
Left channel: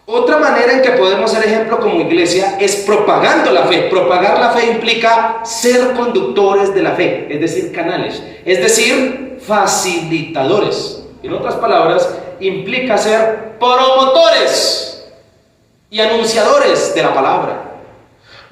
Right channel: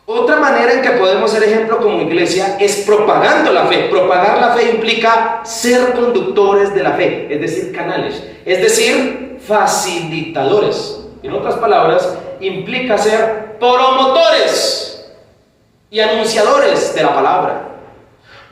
Otra manera en que podemos ser ejemplo como iglesia es propagando la fe. Propagar la fe implica ser conductores de la fe, es decir, canales, es decir, facilitadores. En otras palabras, implica ser promotores y anunciadores de la palabra.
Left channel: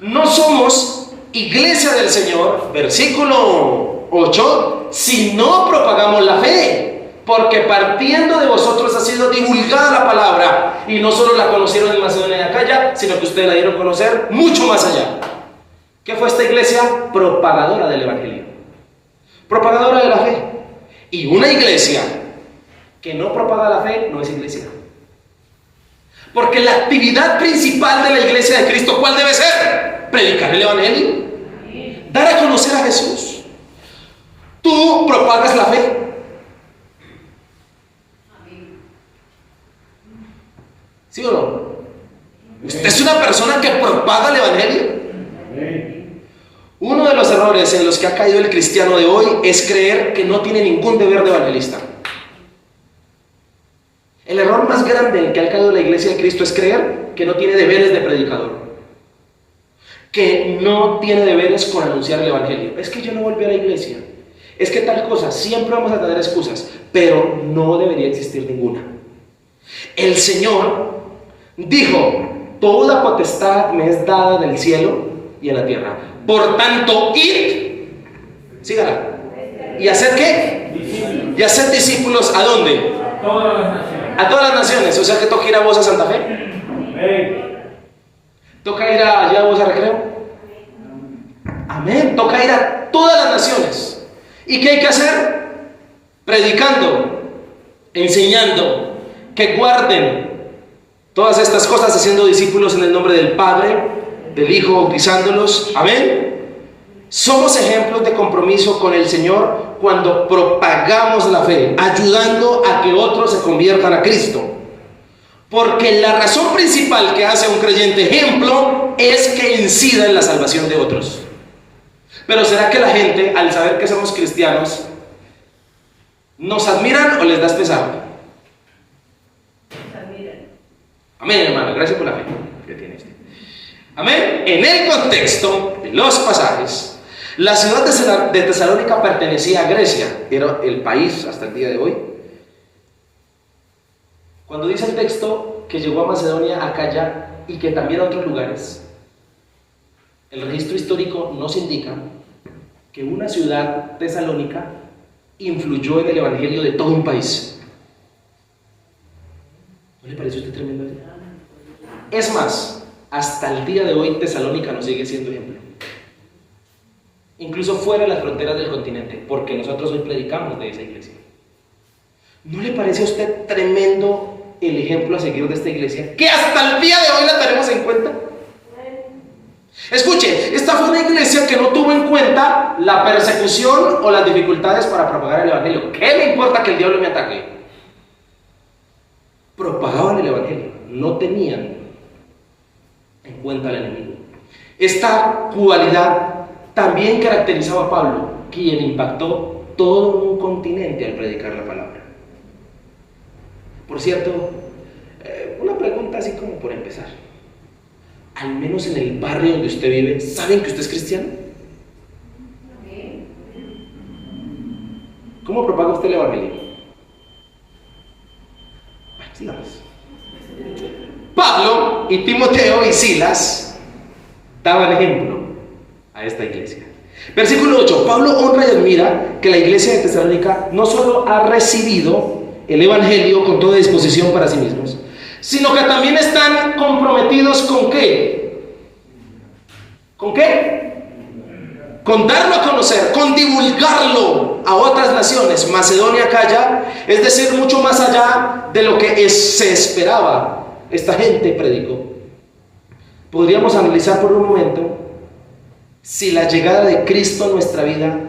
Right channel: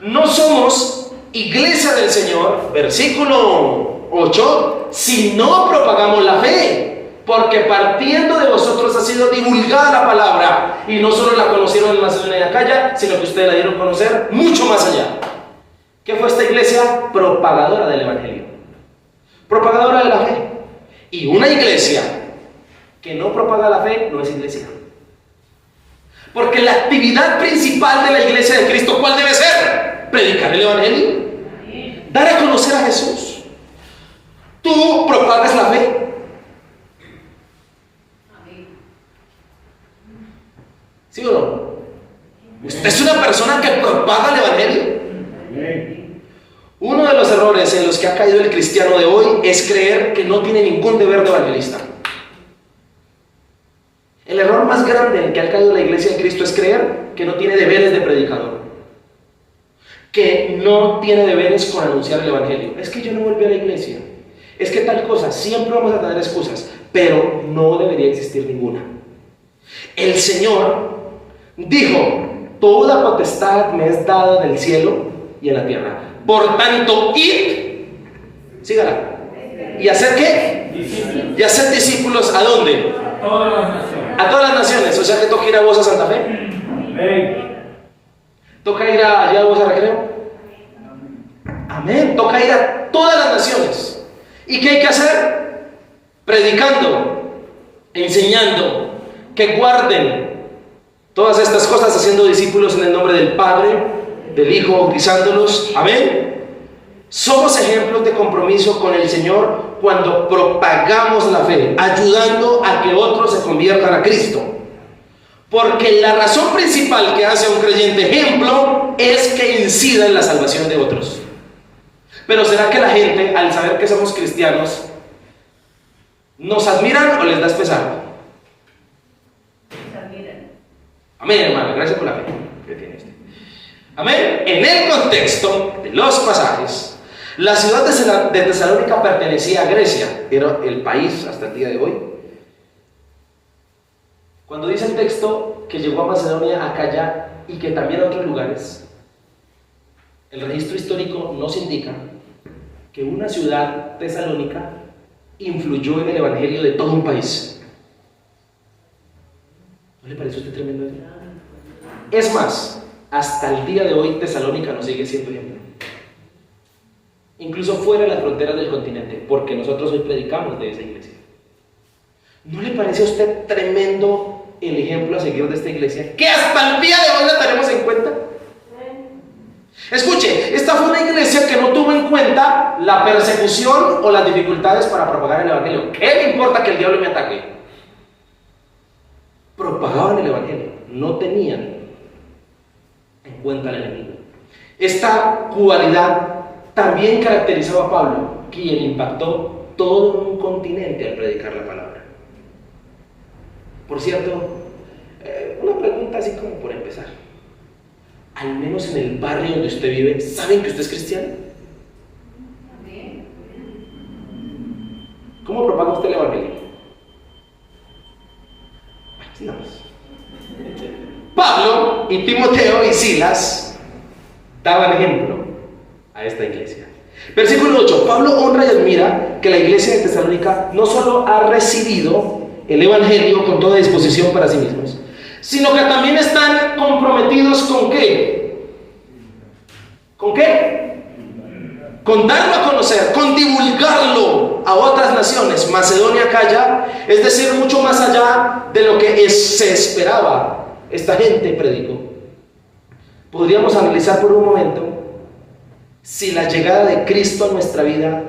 No somos iglesia del Señor, versículo 8, si no propagamos la fe. Porque partiendo de vosotros ha sido divulgada la palabra, y no solo la conocieron en Macedonia y Acaya, sino que ustedes la dieron a conocer mucho más allá. ¿Qué fue esta iglesia? Propagadora del evangelio, propagadora de la fe. Y una iglesia que no propaga la fe no es iglesia. Porque la actividad principal de la iglesia de Cristo, ¿cuál debe ser? Predicar el evangelio, dar a conocer a Jesús. Tú propagas la fe. ¿Sí o no? ¿Usted es una persona que propaga el evangelio? Uno de los errores en los que ha caído el cristiano de hoy es creer que no tiene ningún deber de evangelista. El error más grande en el que ha caído la iglesia de Cristo es creer que no tiene deberes de predicador, que no tiene deberes con anunciar el evangelio. Es que yo no volví a la iglesia, es que tal cosa. Siempre vamos a tener excusas, pero no debería existir ninguna. El Señor dijo: toda potestad me es dada del cielo y en la tierra. Por tanto, id, sígala, ¿y hacer qué? Y hacer discípulos. ¿A dónde? A todas las naciones. O sea que toca ir a vos a Santa Fe. Toca ir allá a vos a Recreo. Amén. Toca ir a todas las naciones. ¿Y qué hay que hacer? Predicando, enseñando, que guarden todas estas cosas, haciendo discípulos en el nombre del Padre, del Hijo, bautizándolos. Amén. Somos ejemplos de compromiso con el Señor cuando propagamos la fe, ayudando a que otros se conviertan a Cristo. Porque la razón principal que hace a un creyente ejemplo es que incida en la salvación de otros. Pero ¿será que la gente, al saber que somos cristianos, ¿Nos admiran o les das pesar? Nos admiran. Amén, hermano, gracias por la fe que tiene usted. Amén. En el contexto de los pasajes, la ciudad de Tesalónica pertenecía a Grecia, era el país hasta el día de hoy. Cuando dice el texto que llegó a Macedonia, Acaya y que también a otros lugares, el registro histórico nos indica que una ciudad tesalónica influyó en el evangelio de todo un país. ¿No le parece a usted tremendo? Es más, hasta el día de hoy Tesalónica nos sigue siendo ejemplo. Incluso fuera de las fronteras del continente, porque nosotros hoy predicamos de esa iglesia. ¿No le parece a usted tremendo el ejemplo a seguir de esta iglesia? Que hasta el día de hoy la tenemos en cuenta. Escuche, esta fue una iglesia que no tuvo en cuenta la persecución o las dificultades para propagar el evangelio. ¿Qué me importa que el diablo me ataque? Propagaban el evangelio, no tenían en cuenta al enemigo. Esta cualidad también caracterizaba a Pablo, quien impactó todo un continente al predicar la palabra. Por cierto, una pregunta así como por empezar. Al menos en el barrio donde usted vive, ¿saben que usted es cristiano? ¿Cómo propaga usted el evangelio? Bueno, sigamos. Pablo y Timoteo y Silas daban ejemplo a esta iglesia. Versículo 8. Pablo honra y admira que la iglesia de Tesalónica no solo ha recibido el evangelio con toda disposición para sí mismos, sino que también están comprometidos ¿con qué? ¿Con qué? Con darlo a conocer, con divulgarlo a otras naciones, Macedonia, Acaya, es decir, mucho más allá de lo que se esperaba. Esta gente predicó. Podríamos analizar por un momento si la llegada de Cristo a nuestra vida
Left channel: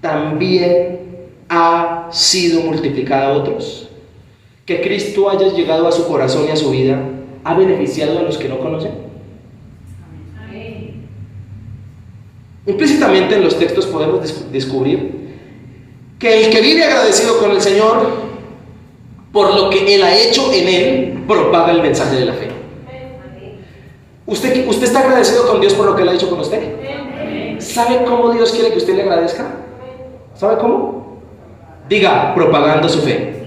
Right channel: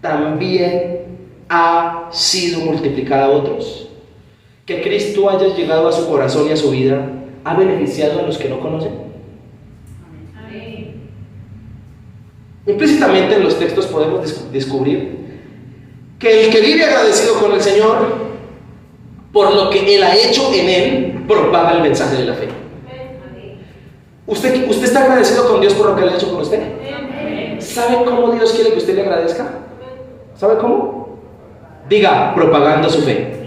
también ha sido multiplicada a otros. Que Cristo haya llegado a su corazón y a su vida, ¿ha beneficiado a los que no conocen? Amén. Implícitamente en los textos podemos descubrir que el que vive agradecido con el Señor por lo que Él ha hecho en él, propaga el mensaje de la fe. ¿Usted está agradecido con Dios por lo que Él ha hecho con usted? ¿Sabe cómo Dios quiere que usted le agradezca? ¿Sabe cómo? Diga, propagando su fe.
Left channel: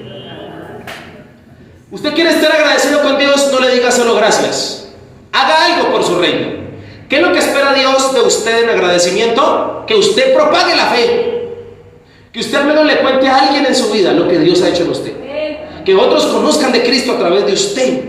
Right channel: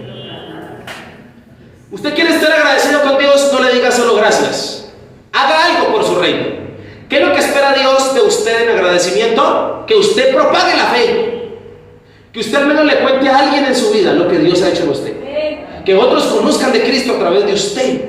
Usted quiere estar agradecido con Dios, no le diga solo gracias. Haga algo por su reino. ¿Qué es lo que espera Dios de usted en agradecimiento? Que usted propague la fe. Que usted al menos le cuente a alguien en su vida lo que Dios ha hecho en usted. Que otros conozcan de Cristo a través de usted.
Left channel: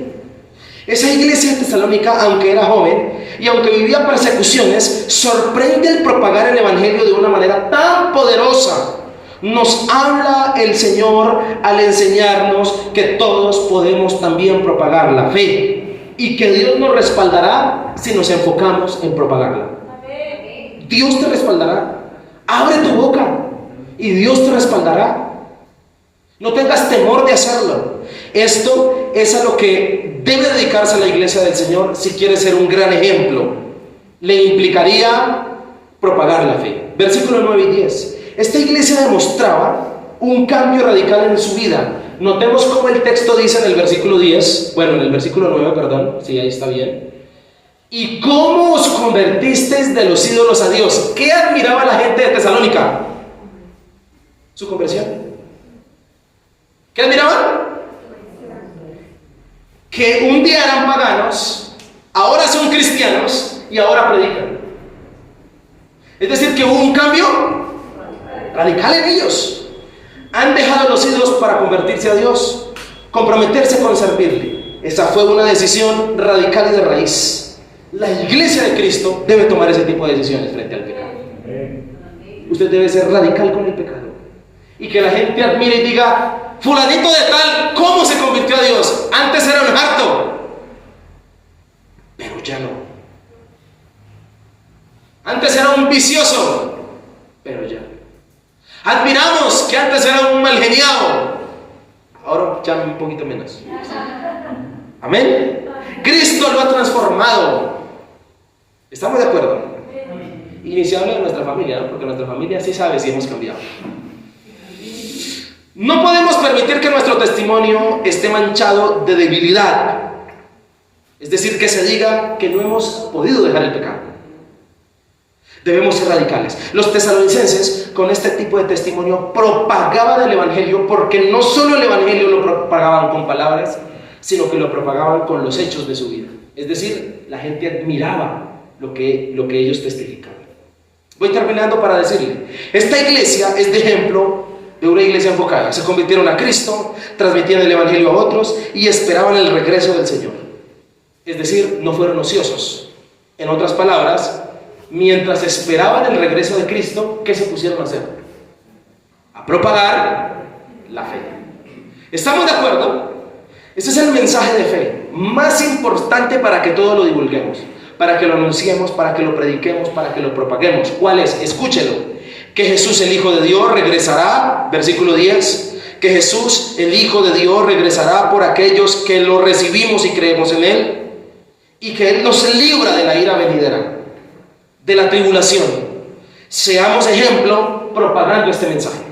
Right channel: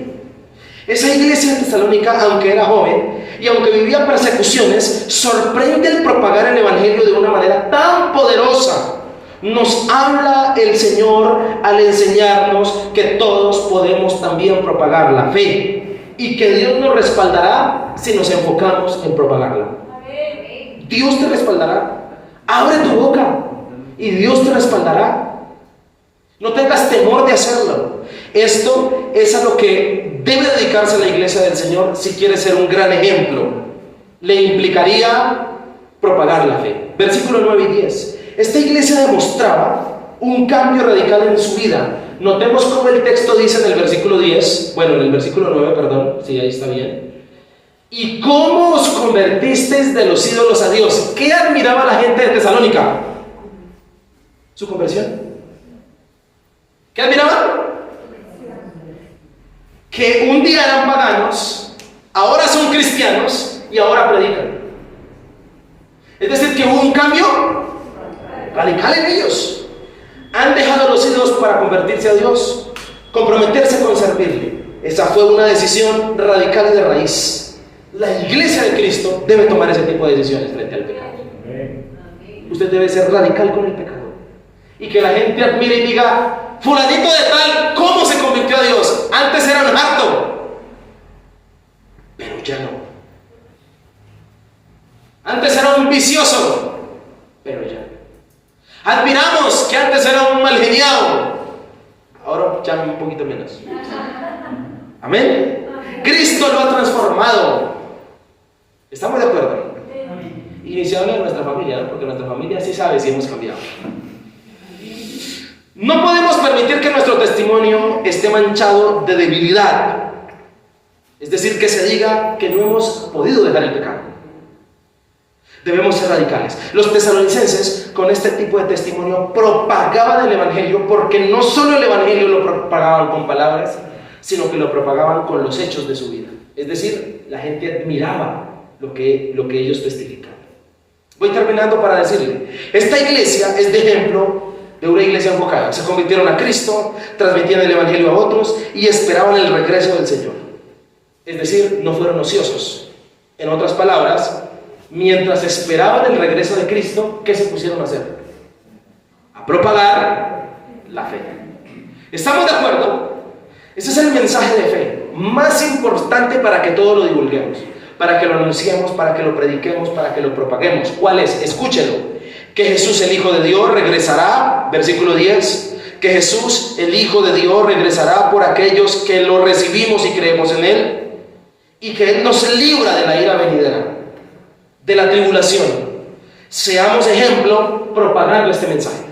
Esa iglesia de Tesalónica, aunque era joven y aunque vivía persecuciones, sorprende el propagar el evangelio de una manera tan poderosa. Nos habla el Señor al enseñarnos que todos podemos también propagar la fe y que Dios nos respaldará si nos enfocamos en propagarla. Dios te respaldará. Abre tu boca y Dios te respaldará. No tengas temor de hacerlo. Esto es a lo que debe dedicarse la iglesia del Señor si quiere ser un gran ejemplo. Le implicaría propagar la fe. Versículos 9 y 10. Esta iglesia demostraba un cambio radical en su vida. Notemos cómo el texto dice en el versículo 10, bueno, en el versículo 9, perdón, sí, ahí está bien. ¿Y cómo os convertisteis de los ídolos a Dios? ¿Qué admiraba la gente de Tesalónica? Su conversión. ¿Qué admiraban? Que un día eran paganos, ahora son cristianos y ahora predican. Es decir, que hubo un cambio radical en ellos. Han dejado los ídolos para convertirse a Dios, comprometerse con servirle. Esa fue una decisión radical y de raíz. La iglesia de Cristo debe tomar ese tipo de decisiones frente al pecado. Usted debe ser radical con el pecado y que la gente admire y diga: fulanito de tal, ¿cómo se convirtió a Dios? Antes era un harto, pero ya no. Antes era un vicioso, pero ya. Admiramos que antes era un malgeniado, ahora ya un poquito menos. Amén. Cristo lo ha transformado. ¿Estamos de acuerdo? Iniciando en nuestra familia, ¿no? Porque nuestra familia sí sabe si hemos cambiado. No podemos permitir que nuestro testimonio esté manchado de debilidad. Es decir, que se diga que no hemos podido dejar el pecado. Debemos ser radicales. Los tesalonicenses, con este tipo de testimonio, propagaban el evangelio, porque no solo el evangelio lo propagaban con palabras, sino que lo propagaban con los hechos de su vida. Es decir, la gente admiraba lo que ellos testificaban. Voy terminando para decirle, esta iglesia es de ejemplo de una iglesia enfocada. Se convirtieron a Cristo, transmitían el evangelio a otros y esperaban el regreso del Señor. Es decir, no fueron ociosos. En otras palabras, mientras esperaban el regreso de Cristo, ¿qué se pusieron a hacer? A propagar la fe. ¿Estamos de acuerdo? Ese es el mensaje de fe más importante para que todo lo divulguemos, para que lo anunciemos, para que lo prediquemos, para que lo propaguemos. ¿Cuál es? Escúchelo. Que Jesús, el Hijo de Dios, regresará, versículo 10, que Jesús, el Hijo de Dios, regresará por aquellos que lo recibimos y creemos en Él, y que Él nos libra de la ira venidera, de la tribulación. Seamos ejemplo propagando este mensaje.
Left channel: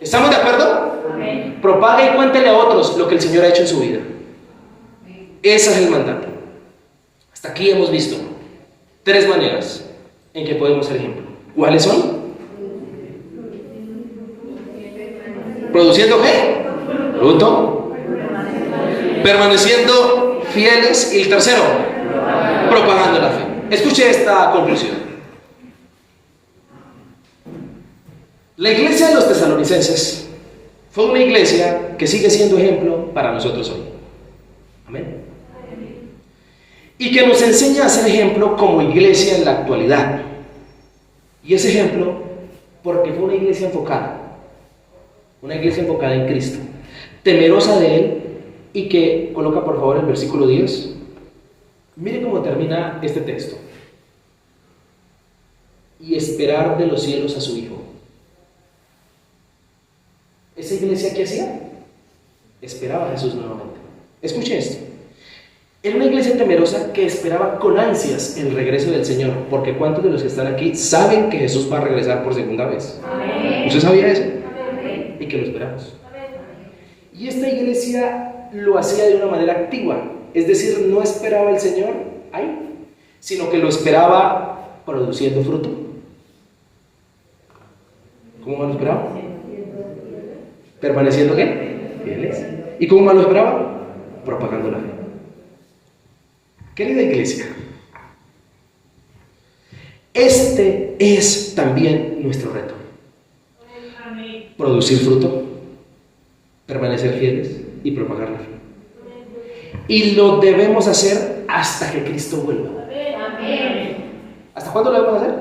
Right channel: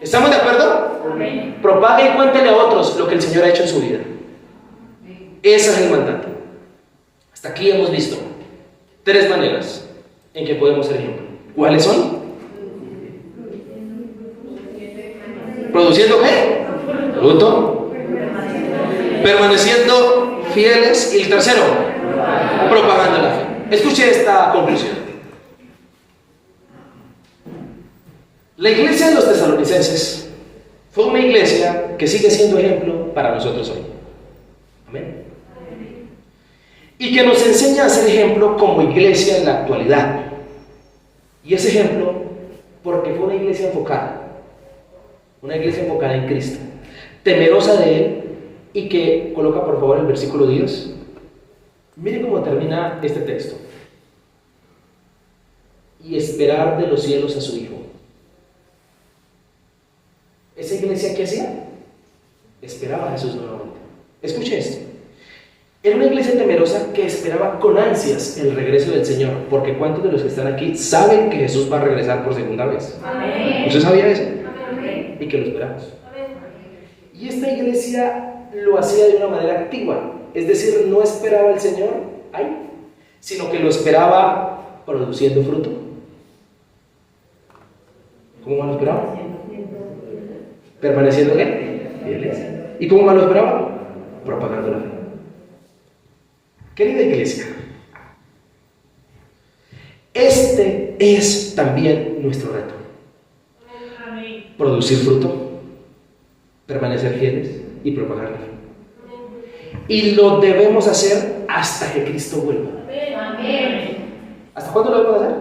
¿Estamos de acuerdo? Amén. Propague y cuéntele a otros lo que el Señor ha hecho en su vida. Ese es el mandato. Hasta aquí hemos visto 3 maneras en que podemos ser ejemplo. ¿Cuáles son? ¿Produciendo qué? Fruto. Permaneciendo fieles. Y el tercero, propagando la fe. Escuche esta conclusión. La iglesia de los tesalonicenses fue una iglesia que sigue siendo ejemplo para nosotros hoy. Amén. Y que nos enseña a ser ejemplo como iglesia en la actualidad. Y es ejemplo porque fue una iglesia enfocada en Cristo, temerosa de Él, y que, coloca por favor el versículo 10. Mire cómo termina este texto. Y esperar de los cielos a su Hijo. ¿Esa iglesia qué hacía? Esperaba a Jesús nuevamente. Escuche esto. Era una iglesia temerosa que esperaba con ansias el regreso del Señor, porque ¿cuántos de los que están aquí saben que Jesús va a regresar por segunda vez? Amén. ¿Usted sabía eso? Amén. Y que lo esperamos. Y esta iglesia lo hacía de una manera activa, es decir, no esperaba al Señor ahí, sino que lo esperaba produciendo fruto. ¿Cómo lo esperaba? ¿Permaneciendo qué? Fieles. ¿Y cómo más lo esperaba? Propagando la fe. Querida iglesia, este es también nuestro reto. Producir fruto, permanecer fieles y propagar la fe. Y lo debemos hacer hasta que Cristo vuelva. ¿Hasta cuándo lo debemos hacer?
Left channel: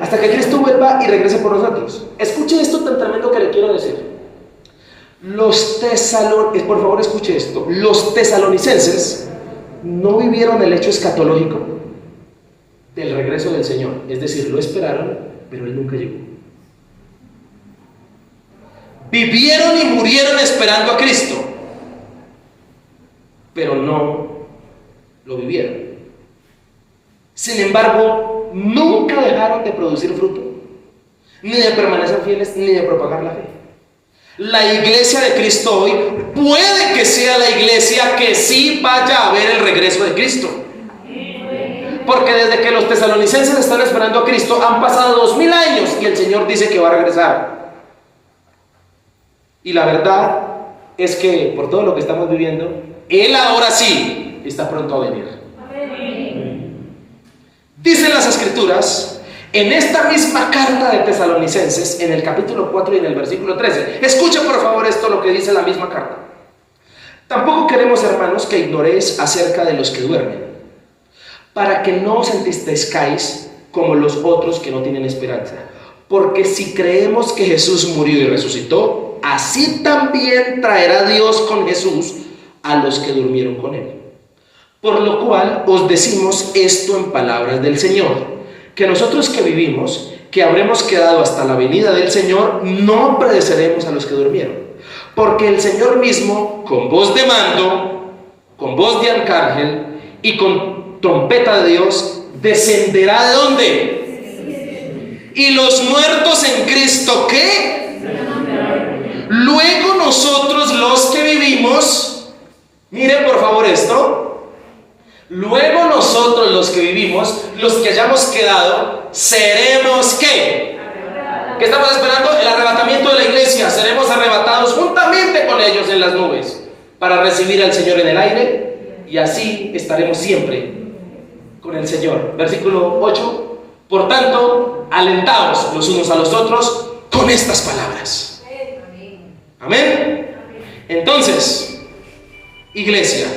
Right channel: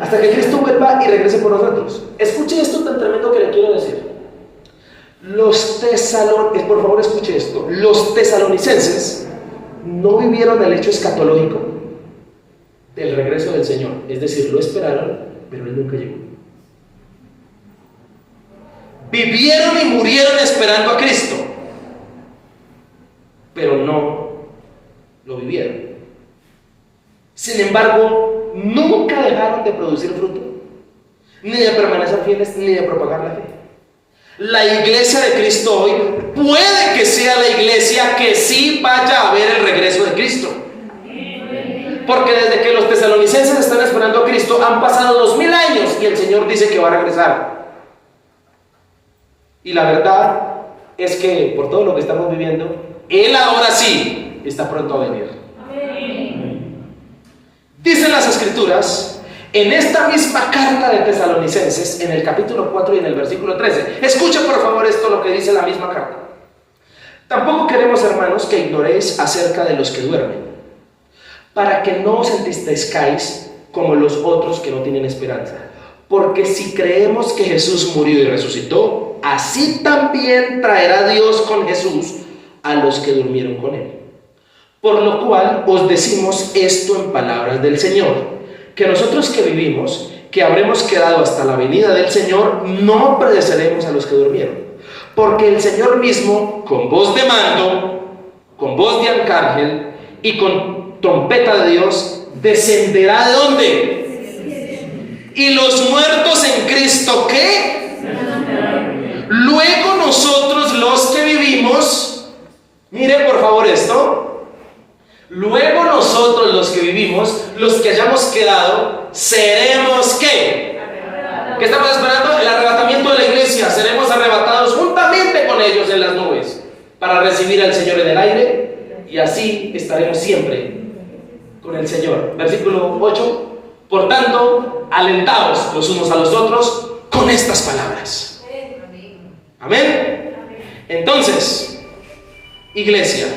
Hasta que Cristo vuelva y regrese por nosotros. Escuche esto tan tremendo que le quiero decir. Por favor escuche esto. Los tesalonicenses no vivieron el hecho escatológico del regreso del Señor. Es decir, lo esperaron, pero Él nunca llegó. Vivieron y murieron esperando a Cristo, pero no lo vivieron. Sin embargo, nunca dejaron de producir fruto, ni de permanecer fieles, ni de propagar la fe. La iglesia de Cristo hoy puede que sea la iglesia que sí vaya a ver el regreso de Cristo. Porque desde que los tesalonicenses están esperando a Cristo han pasado 2000 años y el Señor dice que va a regresar. Y la verdad es que por todo lo que estamos viviendo, Él ahora sí está pronto a venir. Dicen las Escrituras, en esta misma carta de Tesalonicenses, en el capítulo 4 y en el versículo 13. Escuchen por favor esto, lo que dice la misma carta. Tampoco queremos, hermanos, que ignoréis acerca de los que duermen, para que no os entristezcáis como los otros que no tienen esperanza. Porque si creemos que Jesús murió y resucitó, así también traerá Dios con Jesús a los que durmieron con Él. Por lo cual os decimos esto en palabras del Señor, que nosotros que vivimos, que habremos quedado hasta la venida del Señor, no pereceremos a los que durmieron. Porque el Señor mismo, con voz de mando, con voz de arcángel y con trompeta de Dios, descenderá ¿de dónde? Y los muertos en Cristo, ¿qué? luego nosotros los que vivimos, miren por favor esto, luego nosotros los que vivimos, los que hayamos quedado, seremos ¿qué? ¿Qué estamos esperando? El arrebatamiento de la iglesia. Seremos arrebatados juntamente con ellos en las nubes para recibir al Señor en el aire, y así estaremos siempre con el Señor. Versículo 8. Por tanto, alentaos los unos a los otros con estas palabras. Amén. Entonces, iglesia,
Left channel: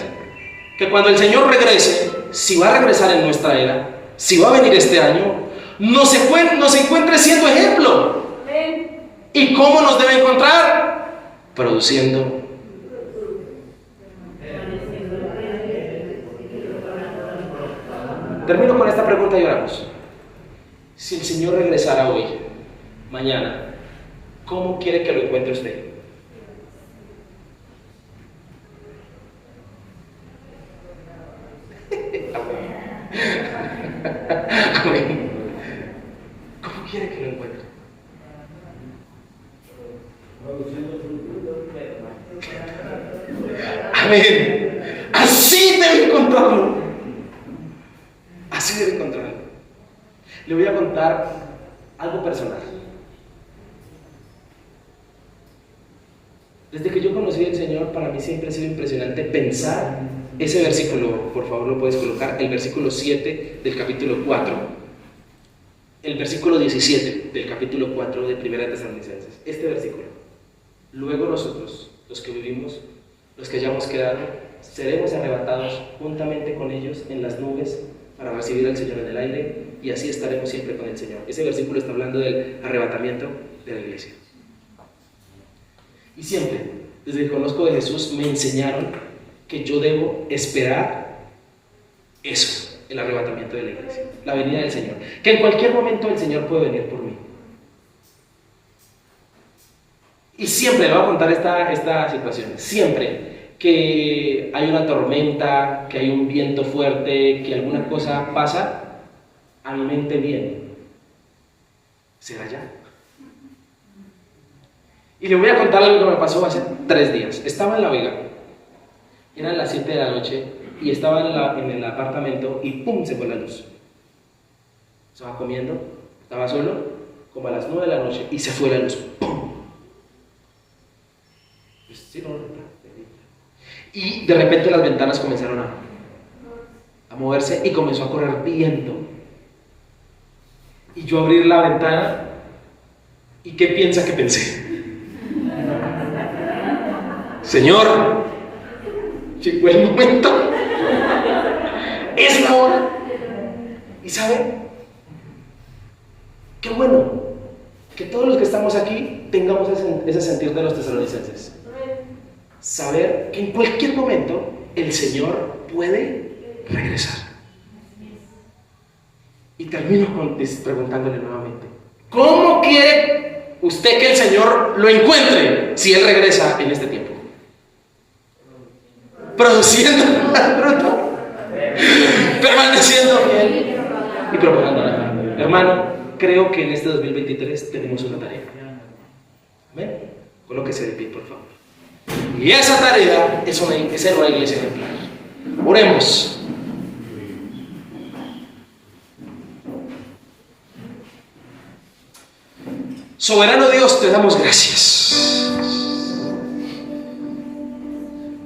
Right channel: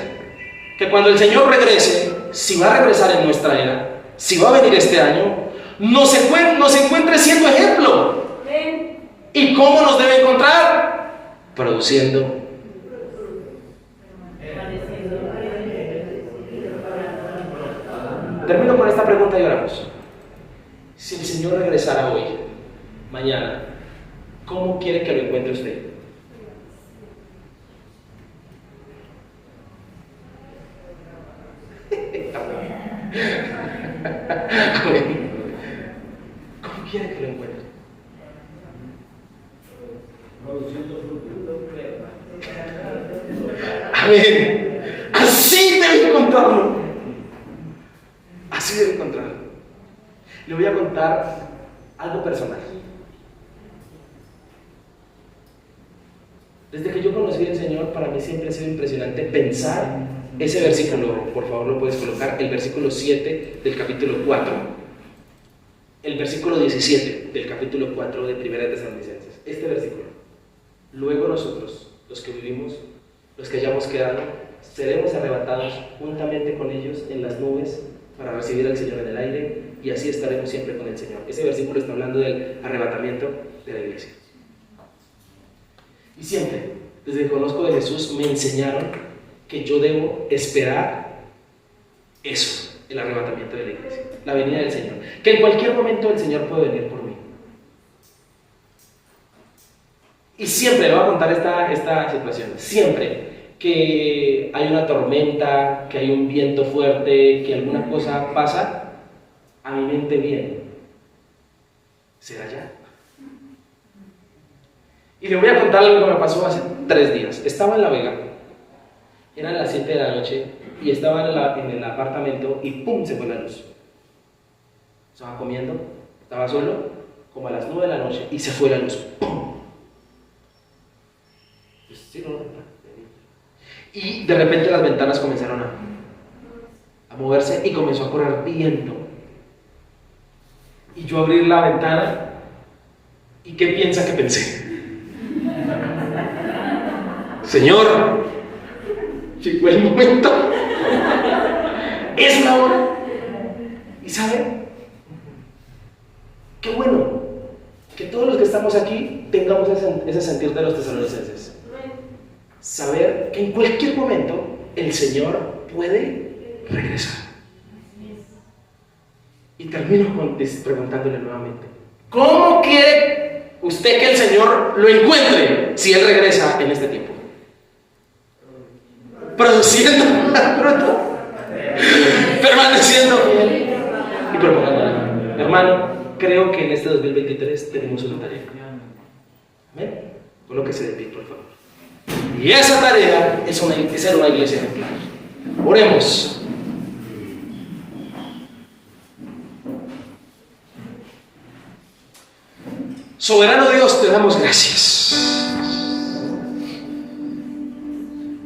que cuando el Señor regrese, si va a regresar en nuestra era, si va a venir este año, nos encuentre siendo ejemplo. ¿Y cómo nos debe encontrar? Produciendo. Termino con esta pregunta y oramos. Si el Señor regresara hoy, mañana, ¿cómo quiere que lo encuentre usted? Amén. ¿Cómo quiere que lo encuentre? Amén. Así debe encontrarlo. Así debe encontrarlo. Le voy a contar algo personal. Desde que yo conocí al Señor, para mí siempre ha sido impresionante pensar ese versículo. Por favor, lo puedes colocar, el versículo 7 del capítulo 4, el versículo 17 del capítulo 4 de Primera de Tesalonicenses. Este versículo: luego nosotros, los que vivimos, los que hayamos quedado, seremos arrebatados juntamente con ellos en las nubes para recibir al Señor en el aire, y así estaremos siempre con el Señor. Ese versículo está hablando del arrebatamiento de la iglesia. Y siempre, desde que conozco de Jesús, me enseñaron que yo debo esperar eso, el arrebatamiento de la iglesia, la venida del Señor. Que en cualquier momento el Señor puede venir por mí. Y siempre, le voy a contar esta situación, siempre que hay una tormenta, que hay un viento fuerte, que alguna cosa pasa, a mi mente viene: ¿será ya? Y le voy a contar algo que me pasó hace 3 días. Estaba en La Vega, eran las 7 de la noche, y estaba en el apartamento y ¡pum!, se fue la luz. Estaba comiendo, estaba solo, como a las 9 de la noche, y se fue la luz. ¡Pum! Y de repente las ventanas comenzaron a moverse y comenzó a correr viento. Y yo abrí la ventana, ¿y qué piensa que pensé? Señor, llegó el momento, es la hora. ¿Y sabe? Qué bueno que todos los que estamos aquí tengamos ese sentir de los tesalonicenses. Saber que en cualquier momento el Señor puede regresar. Y termino preguntándole nuevamente: ¿cómo quiere usted que el Señor lo encuentre si Él regresa en este tiempo? Produciendo fruto, permaneciendo fiel y propagando la fe. Hermano, creo que en este 2023 tenemos una tarea. Amén. Colóquese de pie, por favor. Y esa tarea es ser una iglesia ejemplar. Oremos. Soberano Dios, te damos gracias.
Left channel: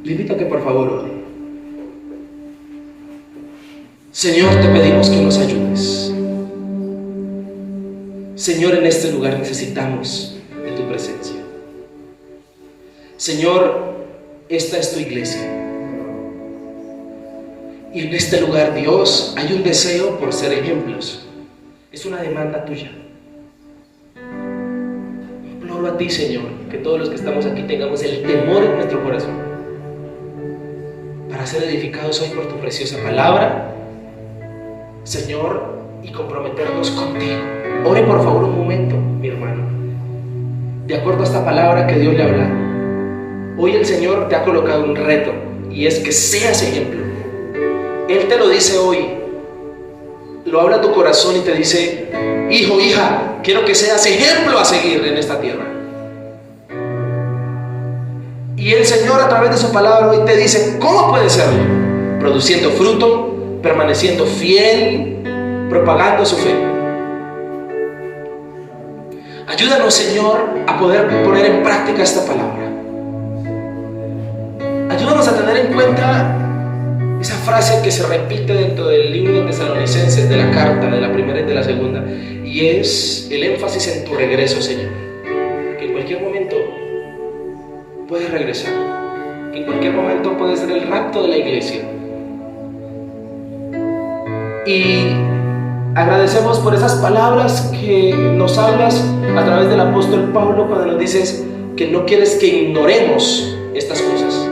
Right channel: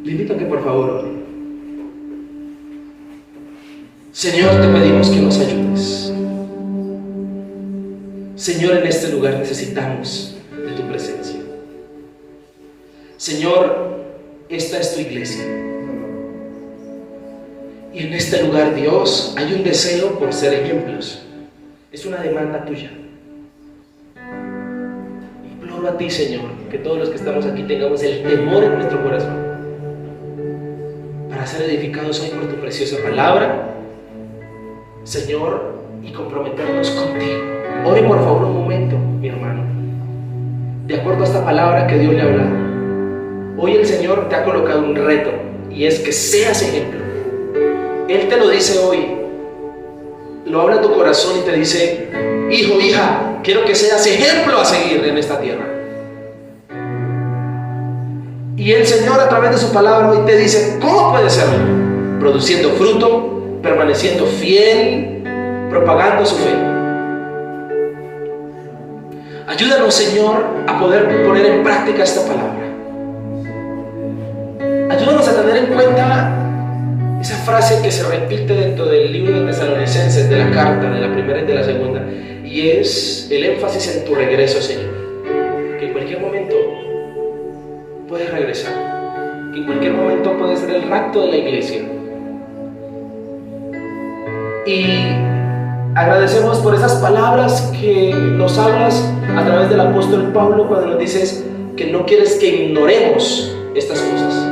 Le invito a que por favor ore. Señor, te pedimos que nos ayudes. Señor, en este lugar necesitamos de tu presencia. Señor, esta es tu iglesia. Y en este lugar, Dios, hay un deseo por ser ejemplos. Es una demanda tuya. Imploro a ti, Señor, que todos los que estamos aquí tengamos el temor en nuestro corazón para ser edificados hoy por tu preciosa palabra, Señor, y comprometernos contigo. Ore por favor un momento, mi hermano, de acuerdo a esta palabra que Dios le habla. Hoy el Señor te ha colocado un reto, y es que seas ejemplo. Él te lo dice hoy, lo habla a tu corazón y te dice: hijo, hija, quiero que seas ejemplo a seguir en esta tierra. Y el Señor a través de su palabra hoy te dice cómo puede serlo: produciendo fruto, permaneciendo fiel, propagando su fe. Ayúdanos, Señor, a poder poner en práctica esta palabra. Ayúdanos a tener en cuenta esa frase que se repite dentro del libro de Tesalonicenses, de la carta, de la primera y de la segunda, y es el énfasis en tu regreso, Señor. Que en cualquier momento puedes regresar, que en cualquier momento puede ser el rapto de la iglesia. Y agradecemos por esas palabras que nos hablas a través del apóstol Pablo, cuando nos dices que no quieres que ignoremos estas cosas.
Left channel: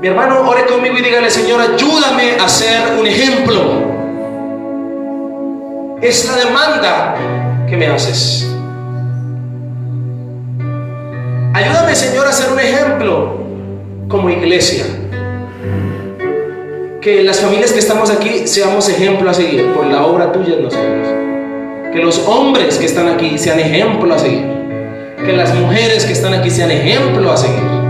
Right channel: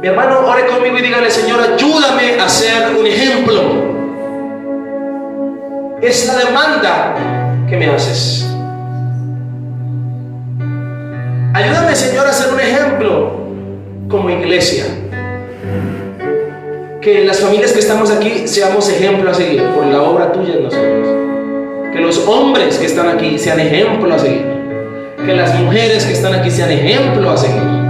Mi hermano, ore conmigo y dígale: Señor, ayúdame a ser un ejemplo. Es la demanda que me haces. Ayúdame, Señor, a ser un ejemplo como iglesia. Que las familias que estamos aquí seamos ejemplo a seguir por la obra tuya en nosotros. Que los hombres que están aquí sean ejemplo a seguir. Que las mujeres que están aquí sean ejemplo a seguir.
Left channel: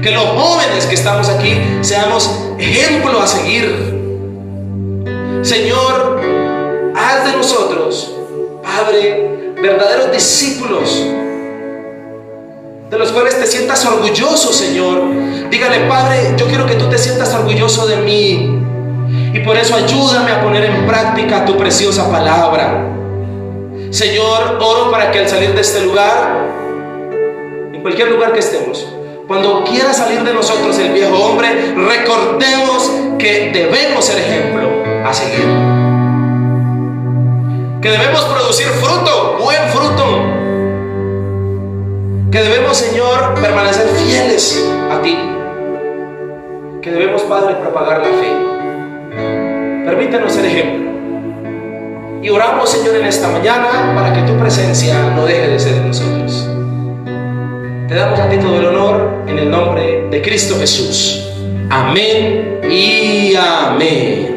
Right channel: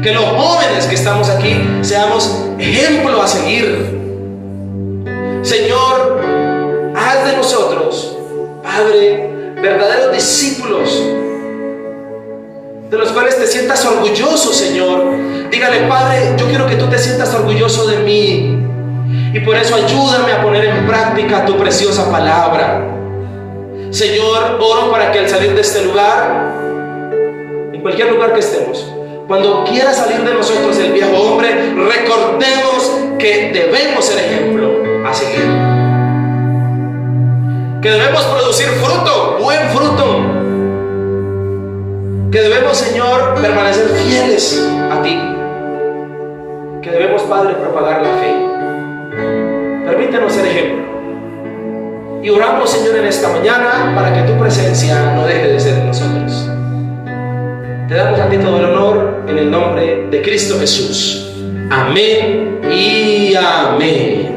Que los jóvenes que estamos aquí seamos ejemplo a seguir. Señor, haz de nosotros, Padre, verdaderos discípulos, de los cuales te sientas orgulloso, Señor. Dígale: Padre, yo quiero que tú te sientas orgulloso de mí, y por eso ayúdame a poner en práctica tu preciosa palabra. Señor, oro para que al salir de este lugar, en cualquier lugar que estemos, cuando quiera salir de nosotros el viejo hombre, recordemos que debemos ser ejemplo a seguir, que debemos producir fruto, buen fruto, que debemos, Señor, permanecer fieles a ti, que debemos, Padre, propagar la fe. Permítanos ser ejemplo. Y oramos, Señor, en esta mañana para que tu presencia no deje de ser en nosotros. Te damos a ti todo el honor en el nombre de Cristo Jesús. Amén y amén.